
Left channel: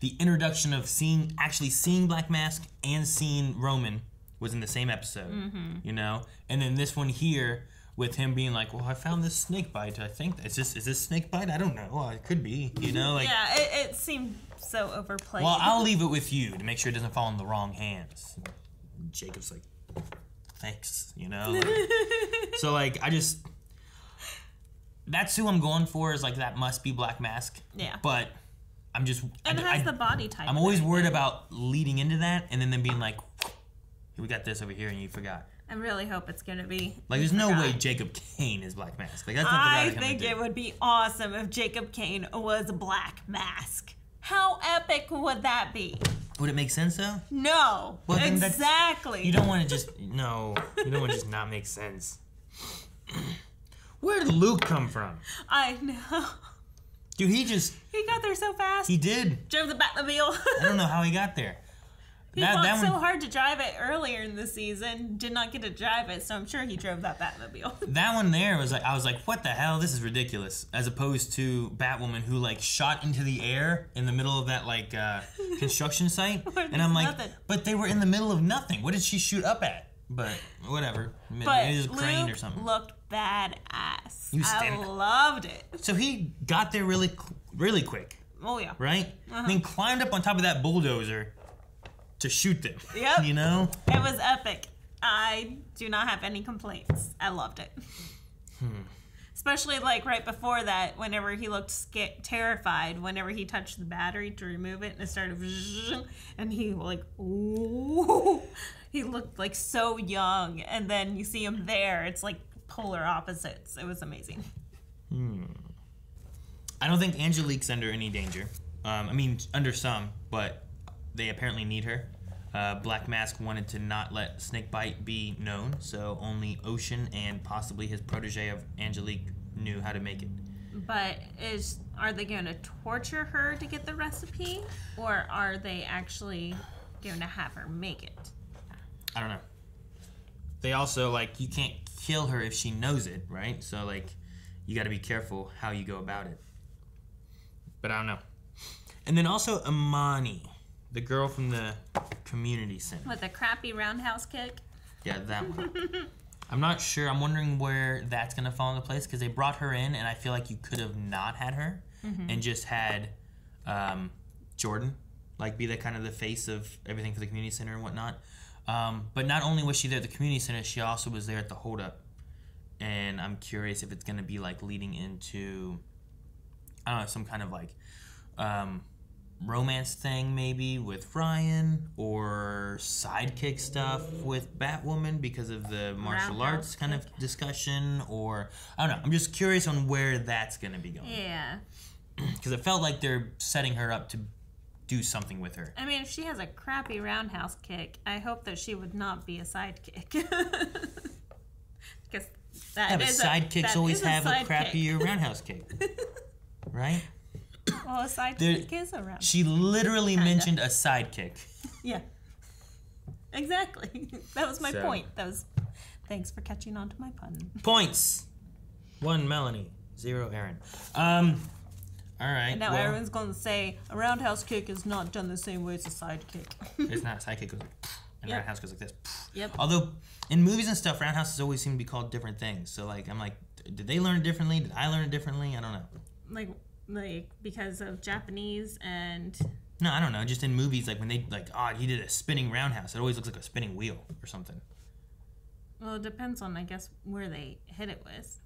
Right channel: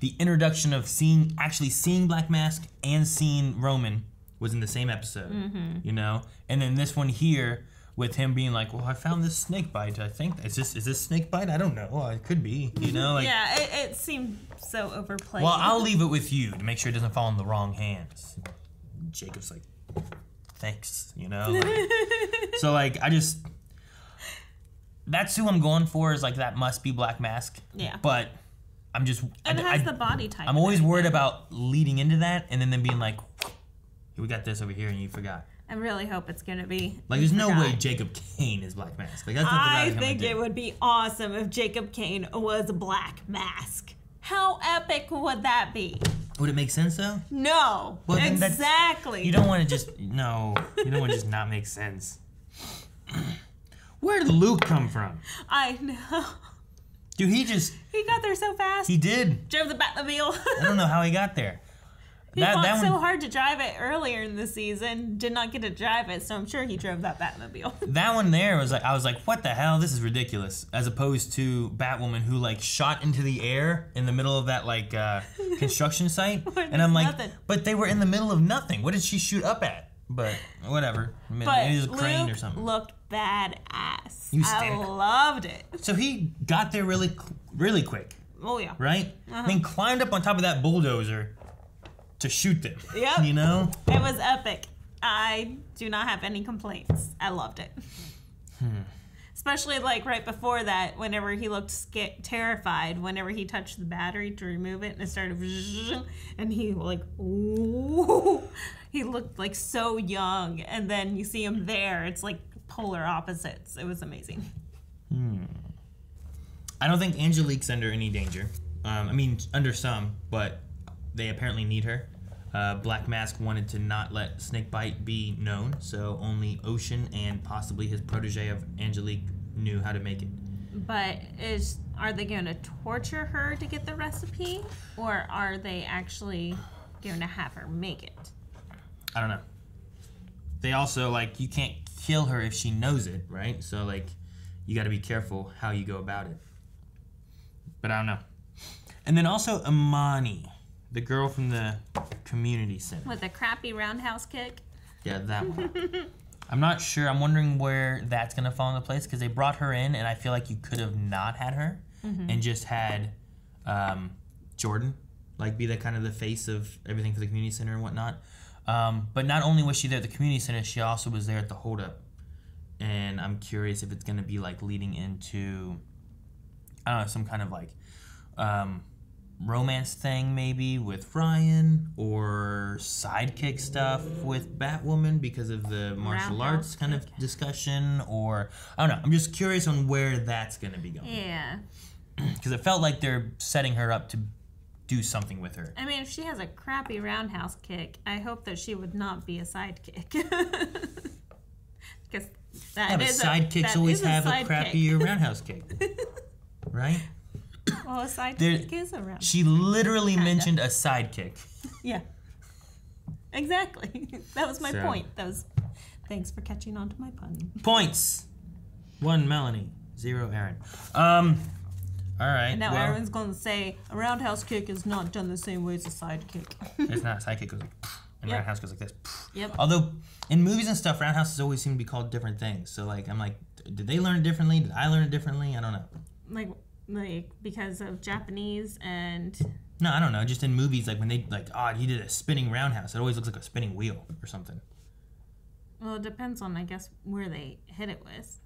the introduction of actually seeing Black Mask and seeing Roman was in the same episode. Mm-hmm. You know? And then this one here, with him being like, well, I found this snake bite. I think, is this snake bite? I don't know. It could be, you know? Like, yeah, it seemed so overplayed. Well, I'll leave it with you to make sure it doesn't fall in the wrong hands. Jacob's like, thanks, you know? So, like, that's who I'm going for, is like, that must be Black Mask. Yeah. But I'm just... It has the body type. I'm always worried about leading into that and then them being like, we got this over here and you forgot. I really hope it's going to be... Like, there's no way Jacob Kane is Black Mask. Like, that's what I think it would be awesome if Jacob Kane was Black Mask. How epic would that be? Would it make sense, though? No. Well, exactly. You don't want to just... No. You don't want to just not make sense. Where did Luke come from? I know. Dude, he got there so fast. He did. Drove the Batmobile. I don't know how he got there. He fought so hard to drive it earlier in the season, did not get to drive it, so I'm sure he drove that Batmobile. That one there was like, I was like, what the hell? This is ridiculous. As opposed to Batwoman, who like shot into the air in the middle of that like construction site, and I'm like, but they were in the middle of nothing. What did she shoot up at? But whatever. But maybe it was a crane Luke or something. Looked badass. I loved it. So he got there really quick. Oh yeah. Right? I mean, climbed up on top of that bulldozer to shoot them. Yep. You know? It was epic. I do not have any complaints. I loved it. Especially like right before that, whenever he looked terrified, whenever he touched the battery to remove it and it started, and he like, ooh, he looked like so young, and then you see him there, it's like polar opposites. It was amazing. I don't think Angelique's under any danger. I mean, under some, but they apparently need her. Black Mask wanted to not let Snakebite be known, so only Ocean and possibly his protege of Angelique knew how to make it. But are they going to torture her to get the recipe, or are they actually going to have her make it? I don't know. They also, like, you can't kill her if she knows it, right? So, like, you got to be careful how you go about it. But I don't know. And then also Imani, the girl from the community center. With a crappy roundhouse kick? Yeah, that one. I'm not sure. I'm wondering where that's going to fall into place, because they brought her in, and I feel like you could have not had her and just had Jordan, like, be the kind of the face of everything for the community center and whatnot. But not only was she there at the community center, she also was there at the holdup. And I'm curious if it's going to be, like, leading into, I don't know, some kind of, like, romance thing maybe with Ryan, or sidekick stuff with Batwoman because of the martial arts kind of discussion, or I don't know. I'm just curious on where that's going to be going. Yeah. Because it felt like they're setting her up to do something with her. I mean, if she has a crappy roundhouse kick, I hope that she would not be a sidekick. Because sidekicks always have a crappier roundhouse kick. Right? Well, a sidekick is a roundhouse. She literally mentioned a sidekick. Yeah. Exactly. That was my point. Thanks for catching on to my pun. Points. 1 Melanie, 0 Aaron. All right. And now Aaron's going to say a roundhouse kick is not done the same way as a sidekick. It's not. A sidekick goes like, and roundhouse goes like this. Yep. Although in movies and stuff, roundhouses always seem to be called different things. So like, I'm like, did they learn it differently? Did I learn it differently? I don't know. Like like because of Japanese and. No, I don't know. Just in movies, like when they he did a spinning roundhouse. It always looks like a spinning wheel or something. Well, it depends on, I guess, where they hit it with.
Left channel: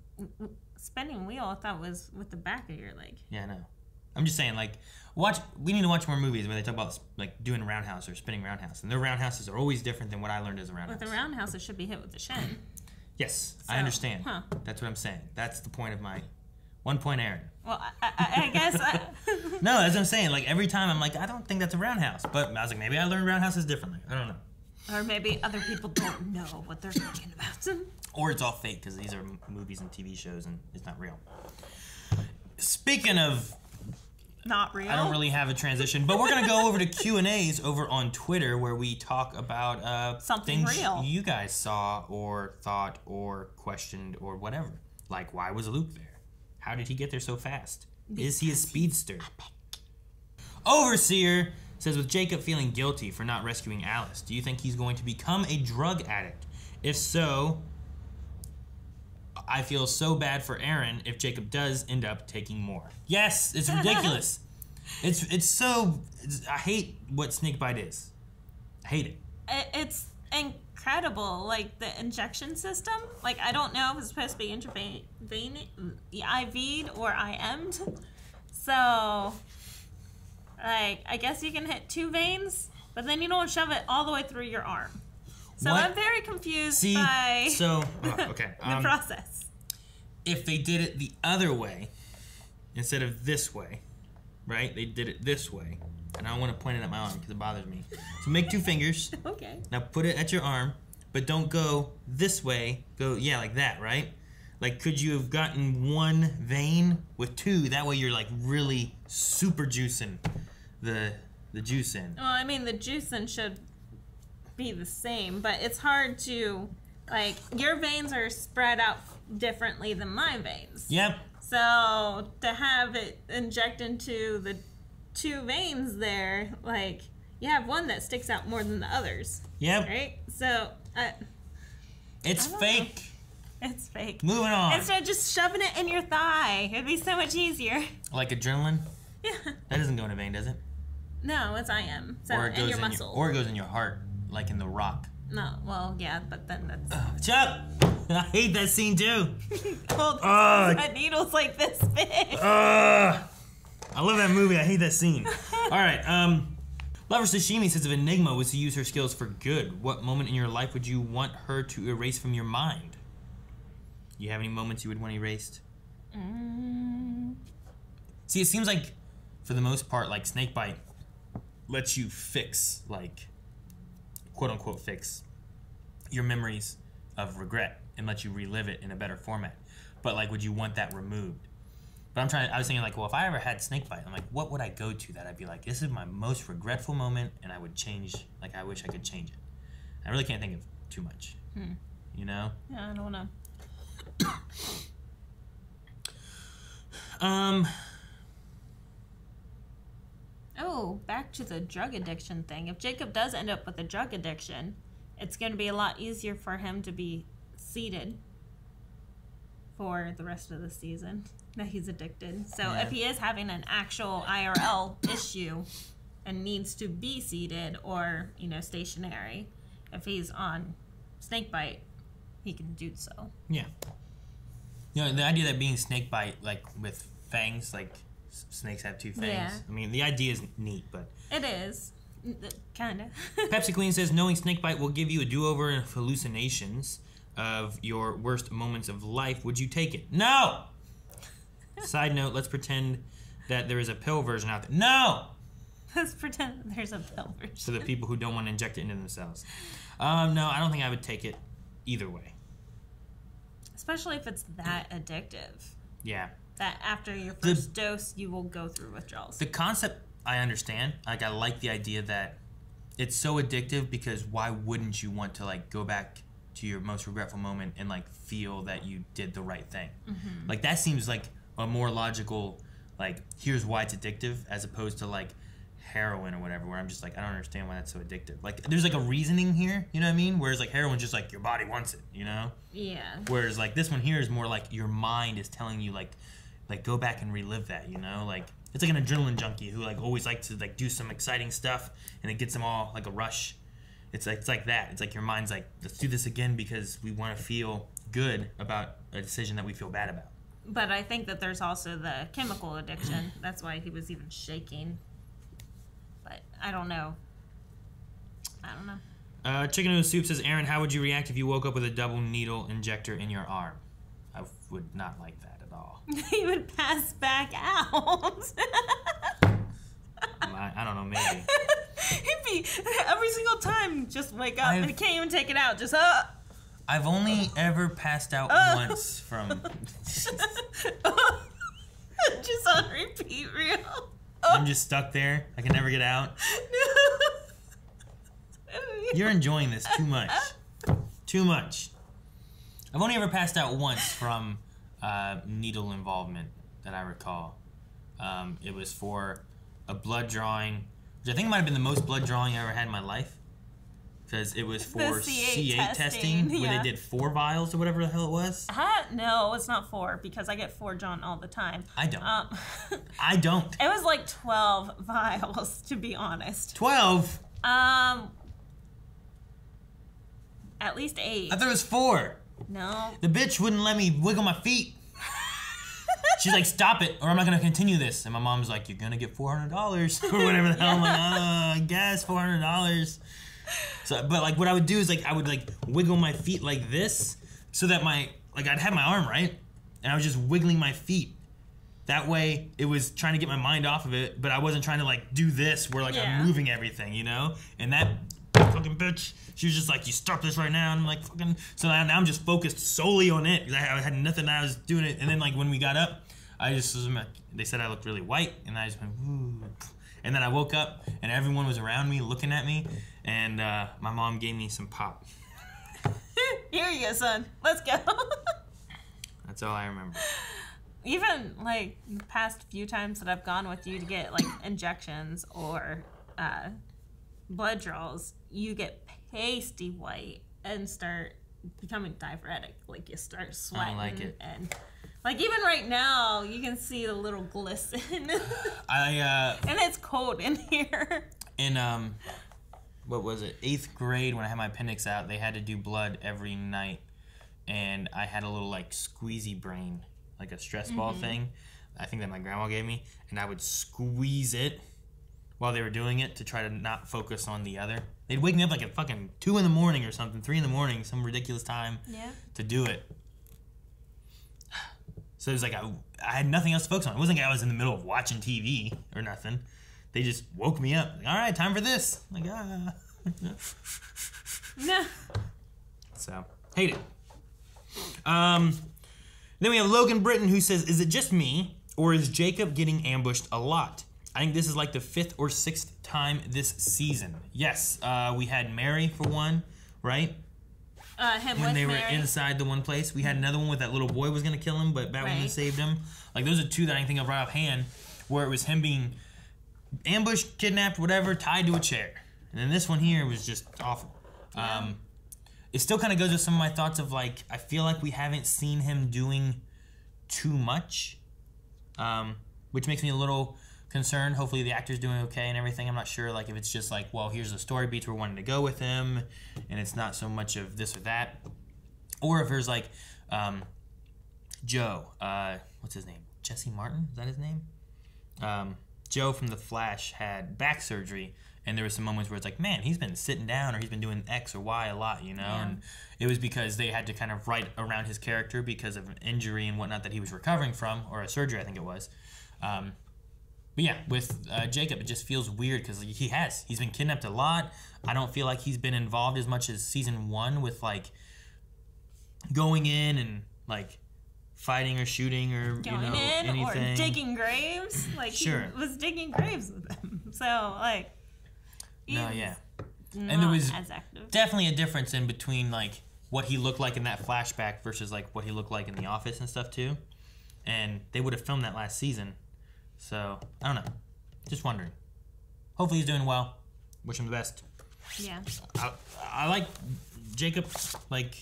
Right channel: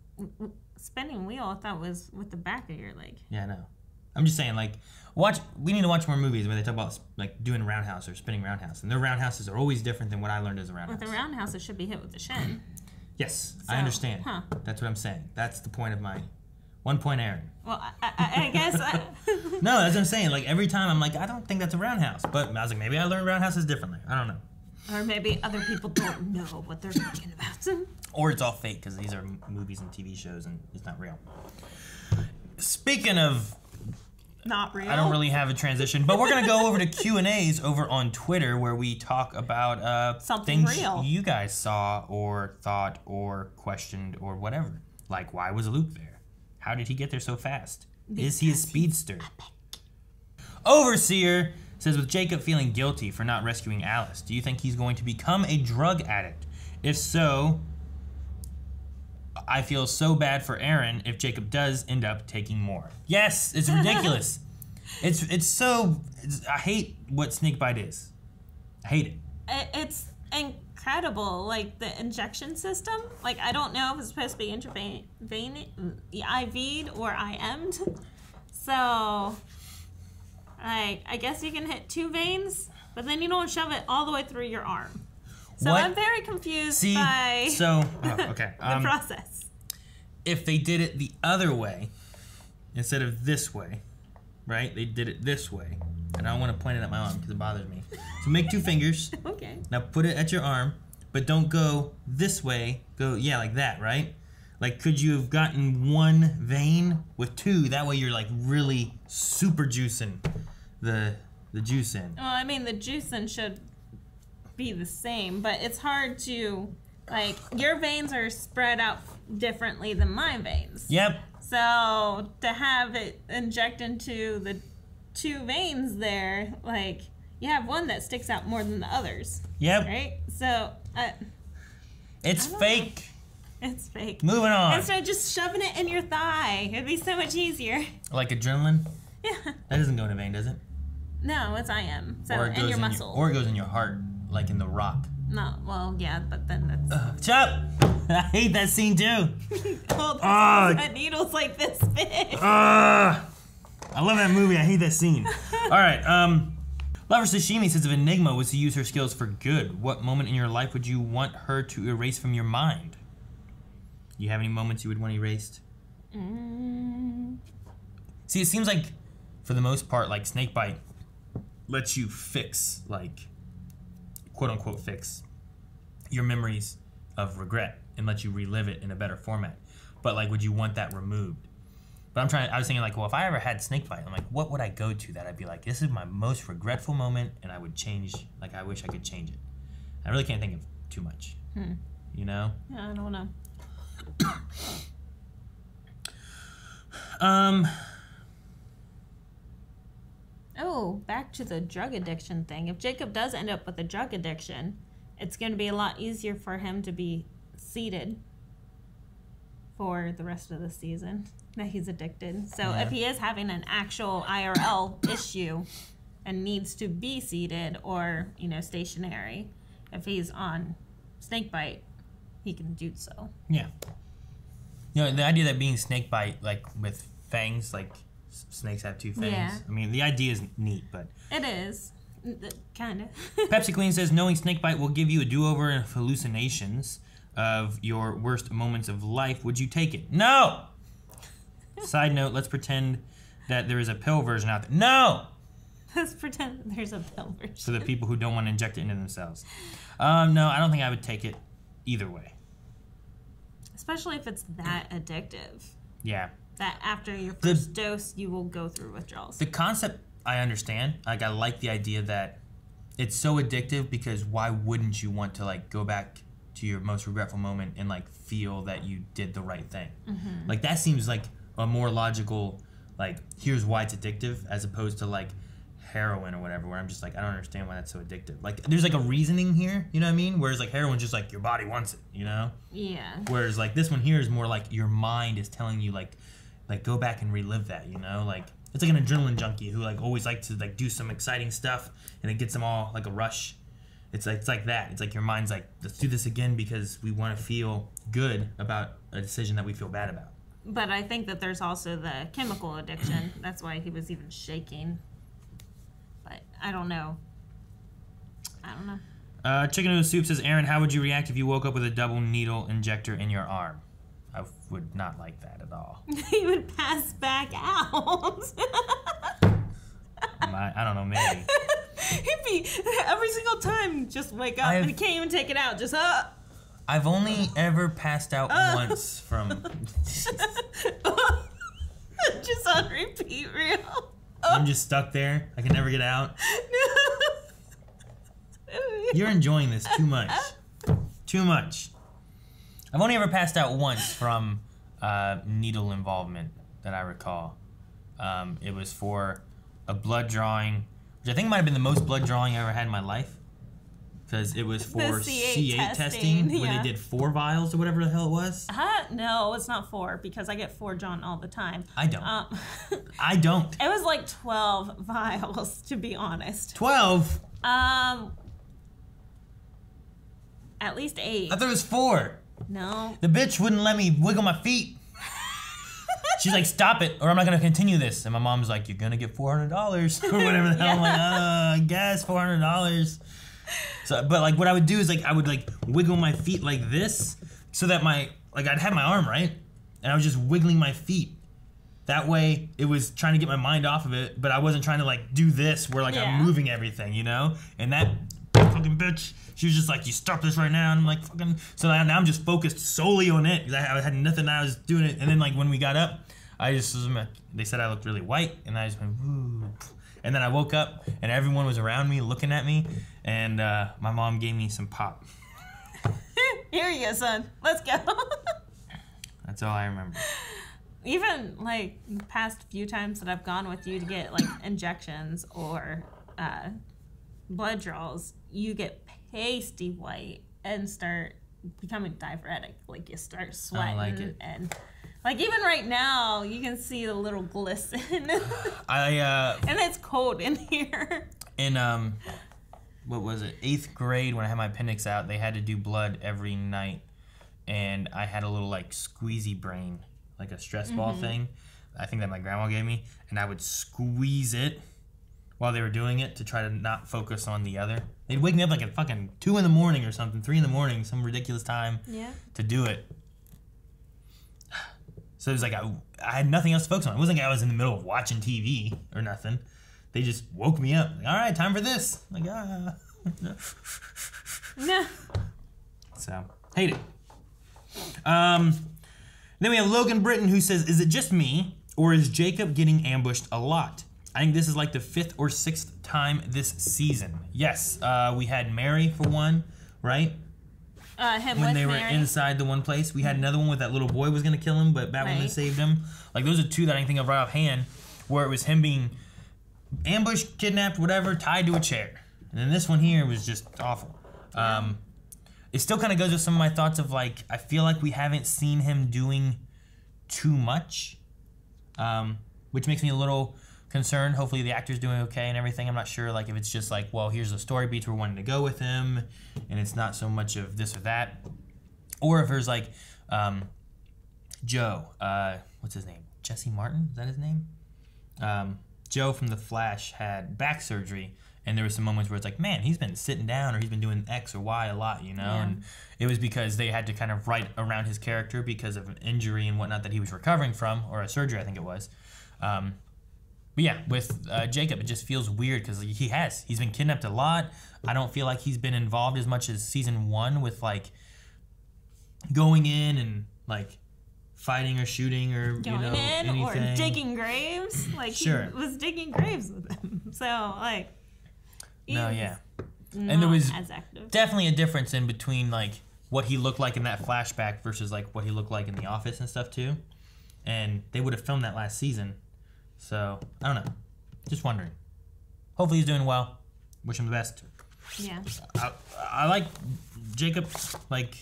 Spinning wheel, I thought was with the back of your leg. Yeah, I know. I'm just saying, like, we need to watch more movies where they talk about, like, doing roundhouse or spinning roundhouse. And their roundhouses are always different than what I learned as a roundhouse. With the roundhouse, it should be hit with the shin. Yes, I understand. Huh. That's what I'm saying. That's the point of my 1 point, Aaron. Well, I guess... No, that's what I'm saying. Like, every time I'm like, I don't think that's a roundhouse. But I was like, maybe I learned roundhouses differently. I don't know. Or maybe other people don't know what they're talking about. Or it's all fake because these are movies and TV shows and it's not real. Speaking of... Not real. I don't really have a transition, but we're going to go over to Q&As over on Twitter where we talk about things real. You guys saw or thought or questioned or whatever. Like, why was Luke there? How did he get there so fast? Is he a speedster? Overseer says, with Jacob feeling guilty for not rescuing Alice, do you think he's going to become a drug addict? If so, I feel so bad for Aaron if Jacob does end up taking more. Yes, it's ridiculous. I hate what snakebite is. I hate it. It's incredible, like the injection system. Like, I don't know if it's supposed to be IV'd or IM'd. So, like, I guess you can hit 2 veins, but then you don't shove it all the way through your arm. So what? I'm very confused by the process. If they did it the other way, instead of this way, right? They did it this way. And I don't want to point it at my arm because it bothers me. So make 2 fingers. Okay. Now put it at your arm, but don't go this way. Go, like that, right? Like, could you have gotten 1 vein with 2? That way you're, like, really super juicing the juice in. Well, I mean, the juicing should be the same, but it's hard to, like, your veins are spread out differently than my veins. Yep. So to have it inject into the 2 veins there, like, you have one that sticks out more than the others. Yep. Right? So it's fake. It's fake. Moving on. Instead of just shoving it in your thigh, it'd be so much easier. Like adrenaline? Yeah. That doesn't go in a vein, does it? No, it's IM. So or it goes in your muscle. Or it goes in your heart, like in The Rock. No, well, yeah, but then that's... Chop! I hate that scene too. Well, that needle's like this big. I love that movie. I hate that scene. All right. Lover Sashimi says, if Enigma was to use her skills for good, what moment in your life would you want her to erase from your mind? You have any moments you would want erased? See, it seems like, for the most part, like Snakebite lets you fix, like, quote-unquote fix your memories of regret and let you relive it in a better format. But, like, would you want that removed? But I was thinking, like, well, if I ever had Snakebite, I'm like, what would I go to that I'd be like, this is my most regretful moment, and I would change, like, I wish I could change it. I really can't think of too much. You know? Yeah, I don't know. Oh, back to the drug addiction thing. If Jacob does end up with a drug addiction, it's going to be a lot easier for him to be seated for the rest of the season that he's addicted. So if he is having an actual IRL issue and needs to be seated or, stationary, if he's on Snakebite, he can do so. Yeah. The idea that being Snakebite, like, with fangs, like, snakes have 2 fangs. Yeah. I mean, the idea is neat, but... It is. Kind of. Pepsi Queen says, knowing Snakebite will give you a do-over and hallucinations of your worst moments of life. Would you take it? No! Side note, let's pretend that there is a pill version out there. No! Let's pretend there's a pill version. For the people who don't want to inject it into themselves. No, I don't think I would take it either way. Especially if it's that addictive. Yeah. That after your first dose, you will go through withdrawals. The concept, I understand. Like, I like the idea that it's so addictive because why wouldn't you want to, like, go back to your most regretful moment and, like, feel that you did the right thing? Mm-hmm. Like, that seems like a more logical, like, here's why it's addictive as opposed to, like, heroin or whatever, where I'm just like, I don't understand why that's so addictive. Like, there's, like, a reasoning here, you know what I mean? Whereas, like, heroin's just, like, your body wants it, you know? Yeah. Whereas, like, this one here is more like your mind is telling you, like, like go back and relive that, you know? Like it's like an adrenaline junkie who like always likes to like do some exciting stuff and it gets them all like a rush. It's like that. It's like your mind's like, let's do this again because we want to feel good about a decision that we feel bad about. But I think that there's also the chemical addiction. That's why he was even shaking. But I don't know. Chicken Noodle Soup says, Aaron, how would you react if you woke up with a double needle injector in your arm? I would not like that at all. He would pass back out. I don't know, maybe. He'd be every single time just wake up and he can't even take it out. Just I've only ever passed out once from. Just on repeat, real. I'm just stuck there. I can never get out. You're enjoying this too much. Too much. I've only ever passed out once from needle involvement that I recall. It was for a blood drawing, which I think might have been the most blood drawing I ever had in my life. Because it was for C8 testing where they did 4 vials or whatever the hell it was. No, it's not 4 because I get 4 drawn all the time. I don't. I don't. It was like 12 vials, to be honest. 12? At least 8. I thought it was 4. No. The bitch wouldn't let me wiggle my feet. She's like, stop it, or I'm not going to continue this. And my mom's like, you're going to get $400 or whatever the hell. I'm like, I guess $400. So, but like what I would do is like I would like wiggle my feet like this so that I'd have my arm right and I was just wiggling my feet. That way it was trying to get my mind off of it, but I wasn't trying to like do this where like I'm moving everything, you know? And that fucking bitch, she was just like, you stop this right now. And I'm like, fucking. So now I'm just focused solely on it. I had nothing. I was doing it. And then like when we got up, they said I looked really white and I just went, woo. And then I woke up and everyone was around me looking at me and my mom gave me some pop. Here you go, son. Let's go. That's all I remember. Even like the past few times that I've gone with you to get like injections or blood draws, you get pasty white and start becoming diaphoretic. Like you start sweating. I don't like it. And like even right now, you can see the little glisten. And it's cold in here. In what was it? 8th grade when I had my appendix out, they had to do blood every night, and I had a little like squeezy brain, like a stress ball thing. I think that my grandma gave me, and I would squeeze it while they were doing it to try to not focus on the other. They'd wake me up like at fucking 2 in the morning or something, 3 in the morning, some ridiculous time to do it. So it was like I had nothing else to focus on. It wasn't like I was in the middle of watching TV or nothing. They just woke me up. Like, all right, time for this. I'm like, Nah. So, hate it. Then we have Logan Britton who says, is it just me or is Jacob getting ambushed a lot? I think this is like the 5th or 6th time this season. Yes, we had Mary for one, right? When they were inside the one place. We had another one with that little boy was going to kill him, but Batwoman saved him. Like, those are 2 that I can think of right offhand, where it was him being ambushed, kidnapped, whatever, tied to a chair. And then this one here was just awful. It still kind of goes with some of my thoughts of, like, I feel like we haven't seen him doing too much, which makes me a little concerned. Hopefully the actor's doing okay and everything. I'm not sure, like, if it's just like, well, here's the story beats we're wanting to go with him, and it's not so much of this or that. Or if there's, like, Joe, what's his name? Jesse Martin? Is that his name? Joe from The Flash had back surgery, and there were some moments where it's like, man, he's been sitting down or he's been doing X or Y a lot, you know? Yeah. And it was because they had to kind of write around his character because of an injury and whatnot that he was recovering from, or a surgery, I think it was. But yeah, with Jacob, it just feels weird because he's been kidnapped a lot. I don't feel like he's been involved as much as season 1 with, like, going in and, like, fighting or shooting or anything. Or digging graves. Like, he was digging graves with them. So, like, and there was definitely a difference in between, like, what he looked like in that flashback versus, like, what he looked like in The Office and stuff, too. And they would have filmed that last season. So, I don't know. Just wondering. Hopefully he's doing well. Wish him the best. Yeah. I like Jacob. Like,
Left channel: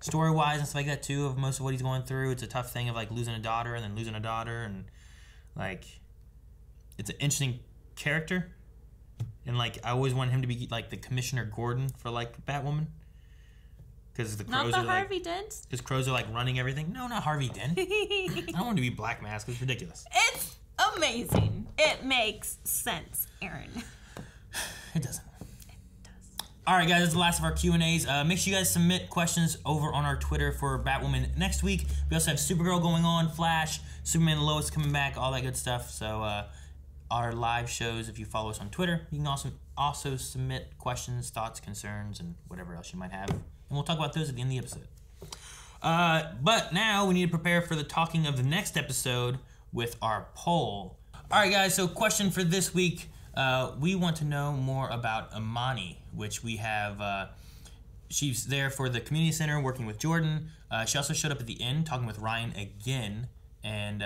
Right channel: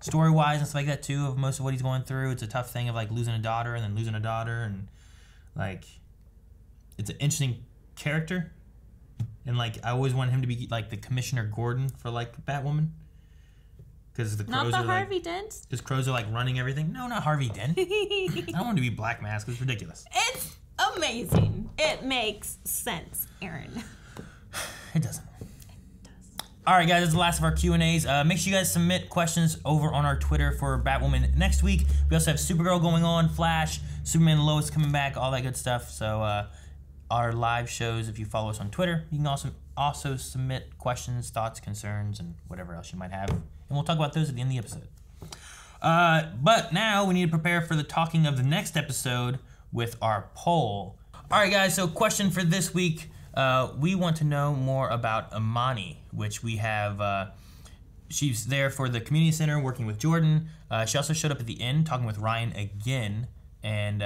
story-wise and stuff like that too, of most of what he's going through. It's a tough thing of like losing a daughter and then losing a daughter, and like it's an interesting character. And like I always wanted him to be like the Commissioner Gordon for like Batwoman, because the crows not the are Harvey like, Dent. Because crows are like running everything. No, not Harvey Dent. I don't want him to be Black Mask. It's ridiculous. It's amazing. It makes sense, Aaron. It doesn't. All right, guys, that's the last of our Q&As. Make sure you guys submit questions over on our Twitter for Batwoman next week. We also have Supergirl going on, Flash, Superman and Lois coming back, all that good stuff. So our live shows, if you follow us on Twitter, you can also submit questions, thoughts, concerns, and whatever else you might have. And we'll talk about those at the end of the episode. But now we need to prepare for the talking of the next episode with our poll. All right, guys, so question for this week. We want to know more about Imani, which we have, she's there for the community center working with Jordan. She also showed up at the end talking with Ryan again, and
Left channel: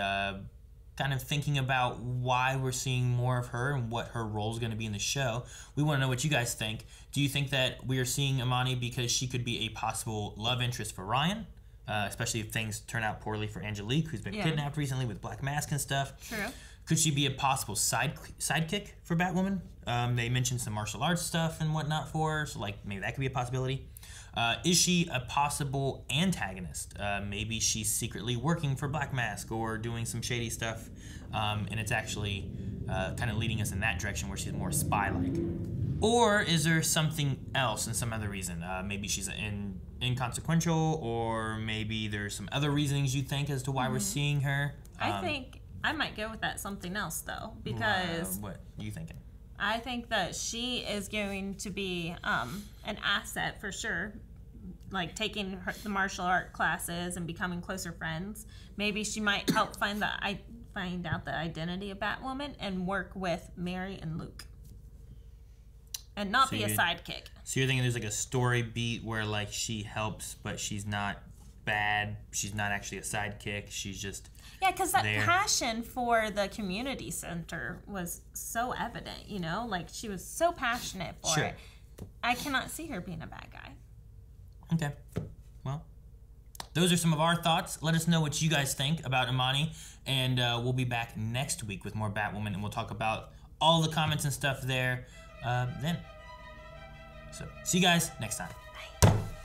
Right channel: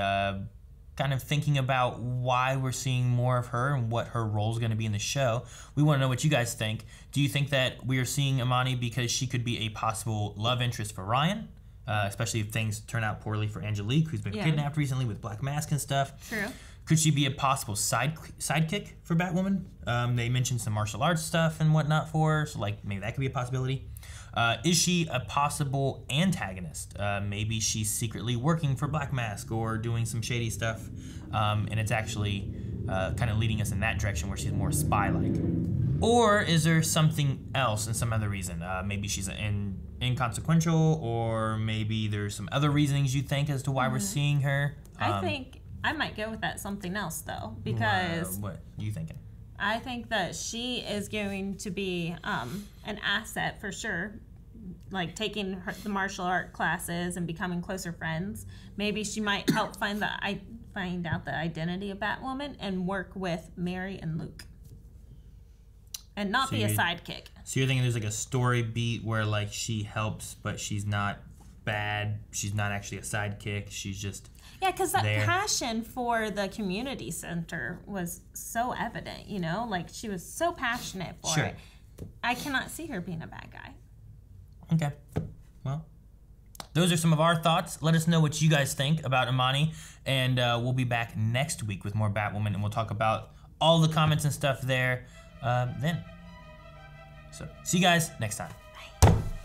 kind of thinking about why we're seeing more of her and what her role is going to be in the show. We want to know what you guys think. Do you think that we are seeing Imani because she could be a possible love interest for Ryan? Especially if things turn out poorly for Angelique, who's been kidnapped recently with Black Mask and stuff. True. Could she be a possible sidekick for Batwoman? They mentioned some martial arts stuff and whatnot for her, so like maybe that could be a possibility. Is she a possible antagonist? Maybe she's secretly working for Black Mask or doing some shady stuff, and it's actually kind of leading us in that direction where she's more spy-like. Or is there something else and some other reason? Maybe she's inconsequential, or maybe there's some other reasonings you think as to why we're seeing her. I think I might go with that something else, though, because... What are you thinking? I think that she is going to be an asset for sure, like taking the martial art classes and becoming closer friends. Maybe she might help find out the identity of Batwoman and work with Mary and Luke. And not be a sidekick. So you're thinking there's like a story beat where like she helps, but she's not bad. She's not actually a sidekick. She's just... Yeah, because that passion for the community center was so evident, you know? Like, she was so passionate for it. I cannot see her being a bad guy. Okay. Well, those are some of our thoughts. Let us know what you guys think about Imani, and we'll be back next week with more Batwoman, and we'll talk about all the comments and stuff there then. So, see you guys next time.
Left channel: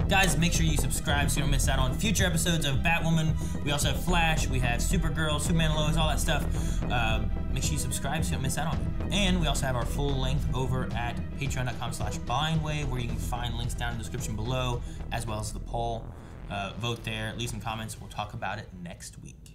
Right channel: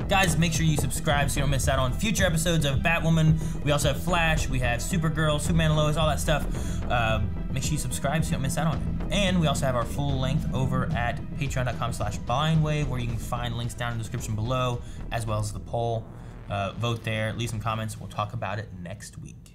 Guys, make sure you subscribe so you don't miss out on future episodes of Batwoman. We also have Flash, we have Supergirl, Superman and Lois, all that stuff. Make sure you subscribe so you don't miss out on it. And we also have our full length over at patreon.com/blindwave, where you can find links down in the description below, as well as the poll. Vote there, leave some comments, we'll talk about it next week.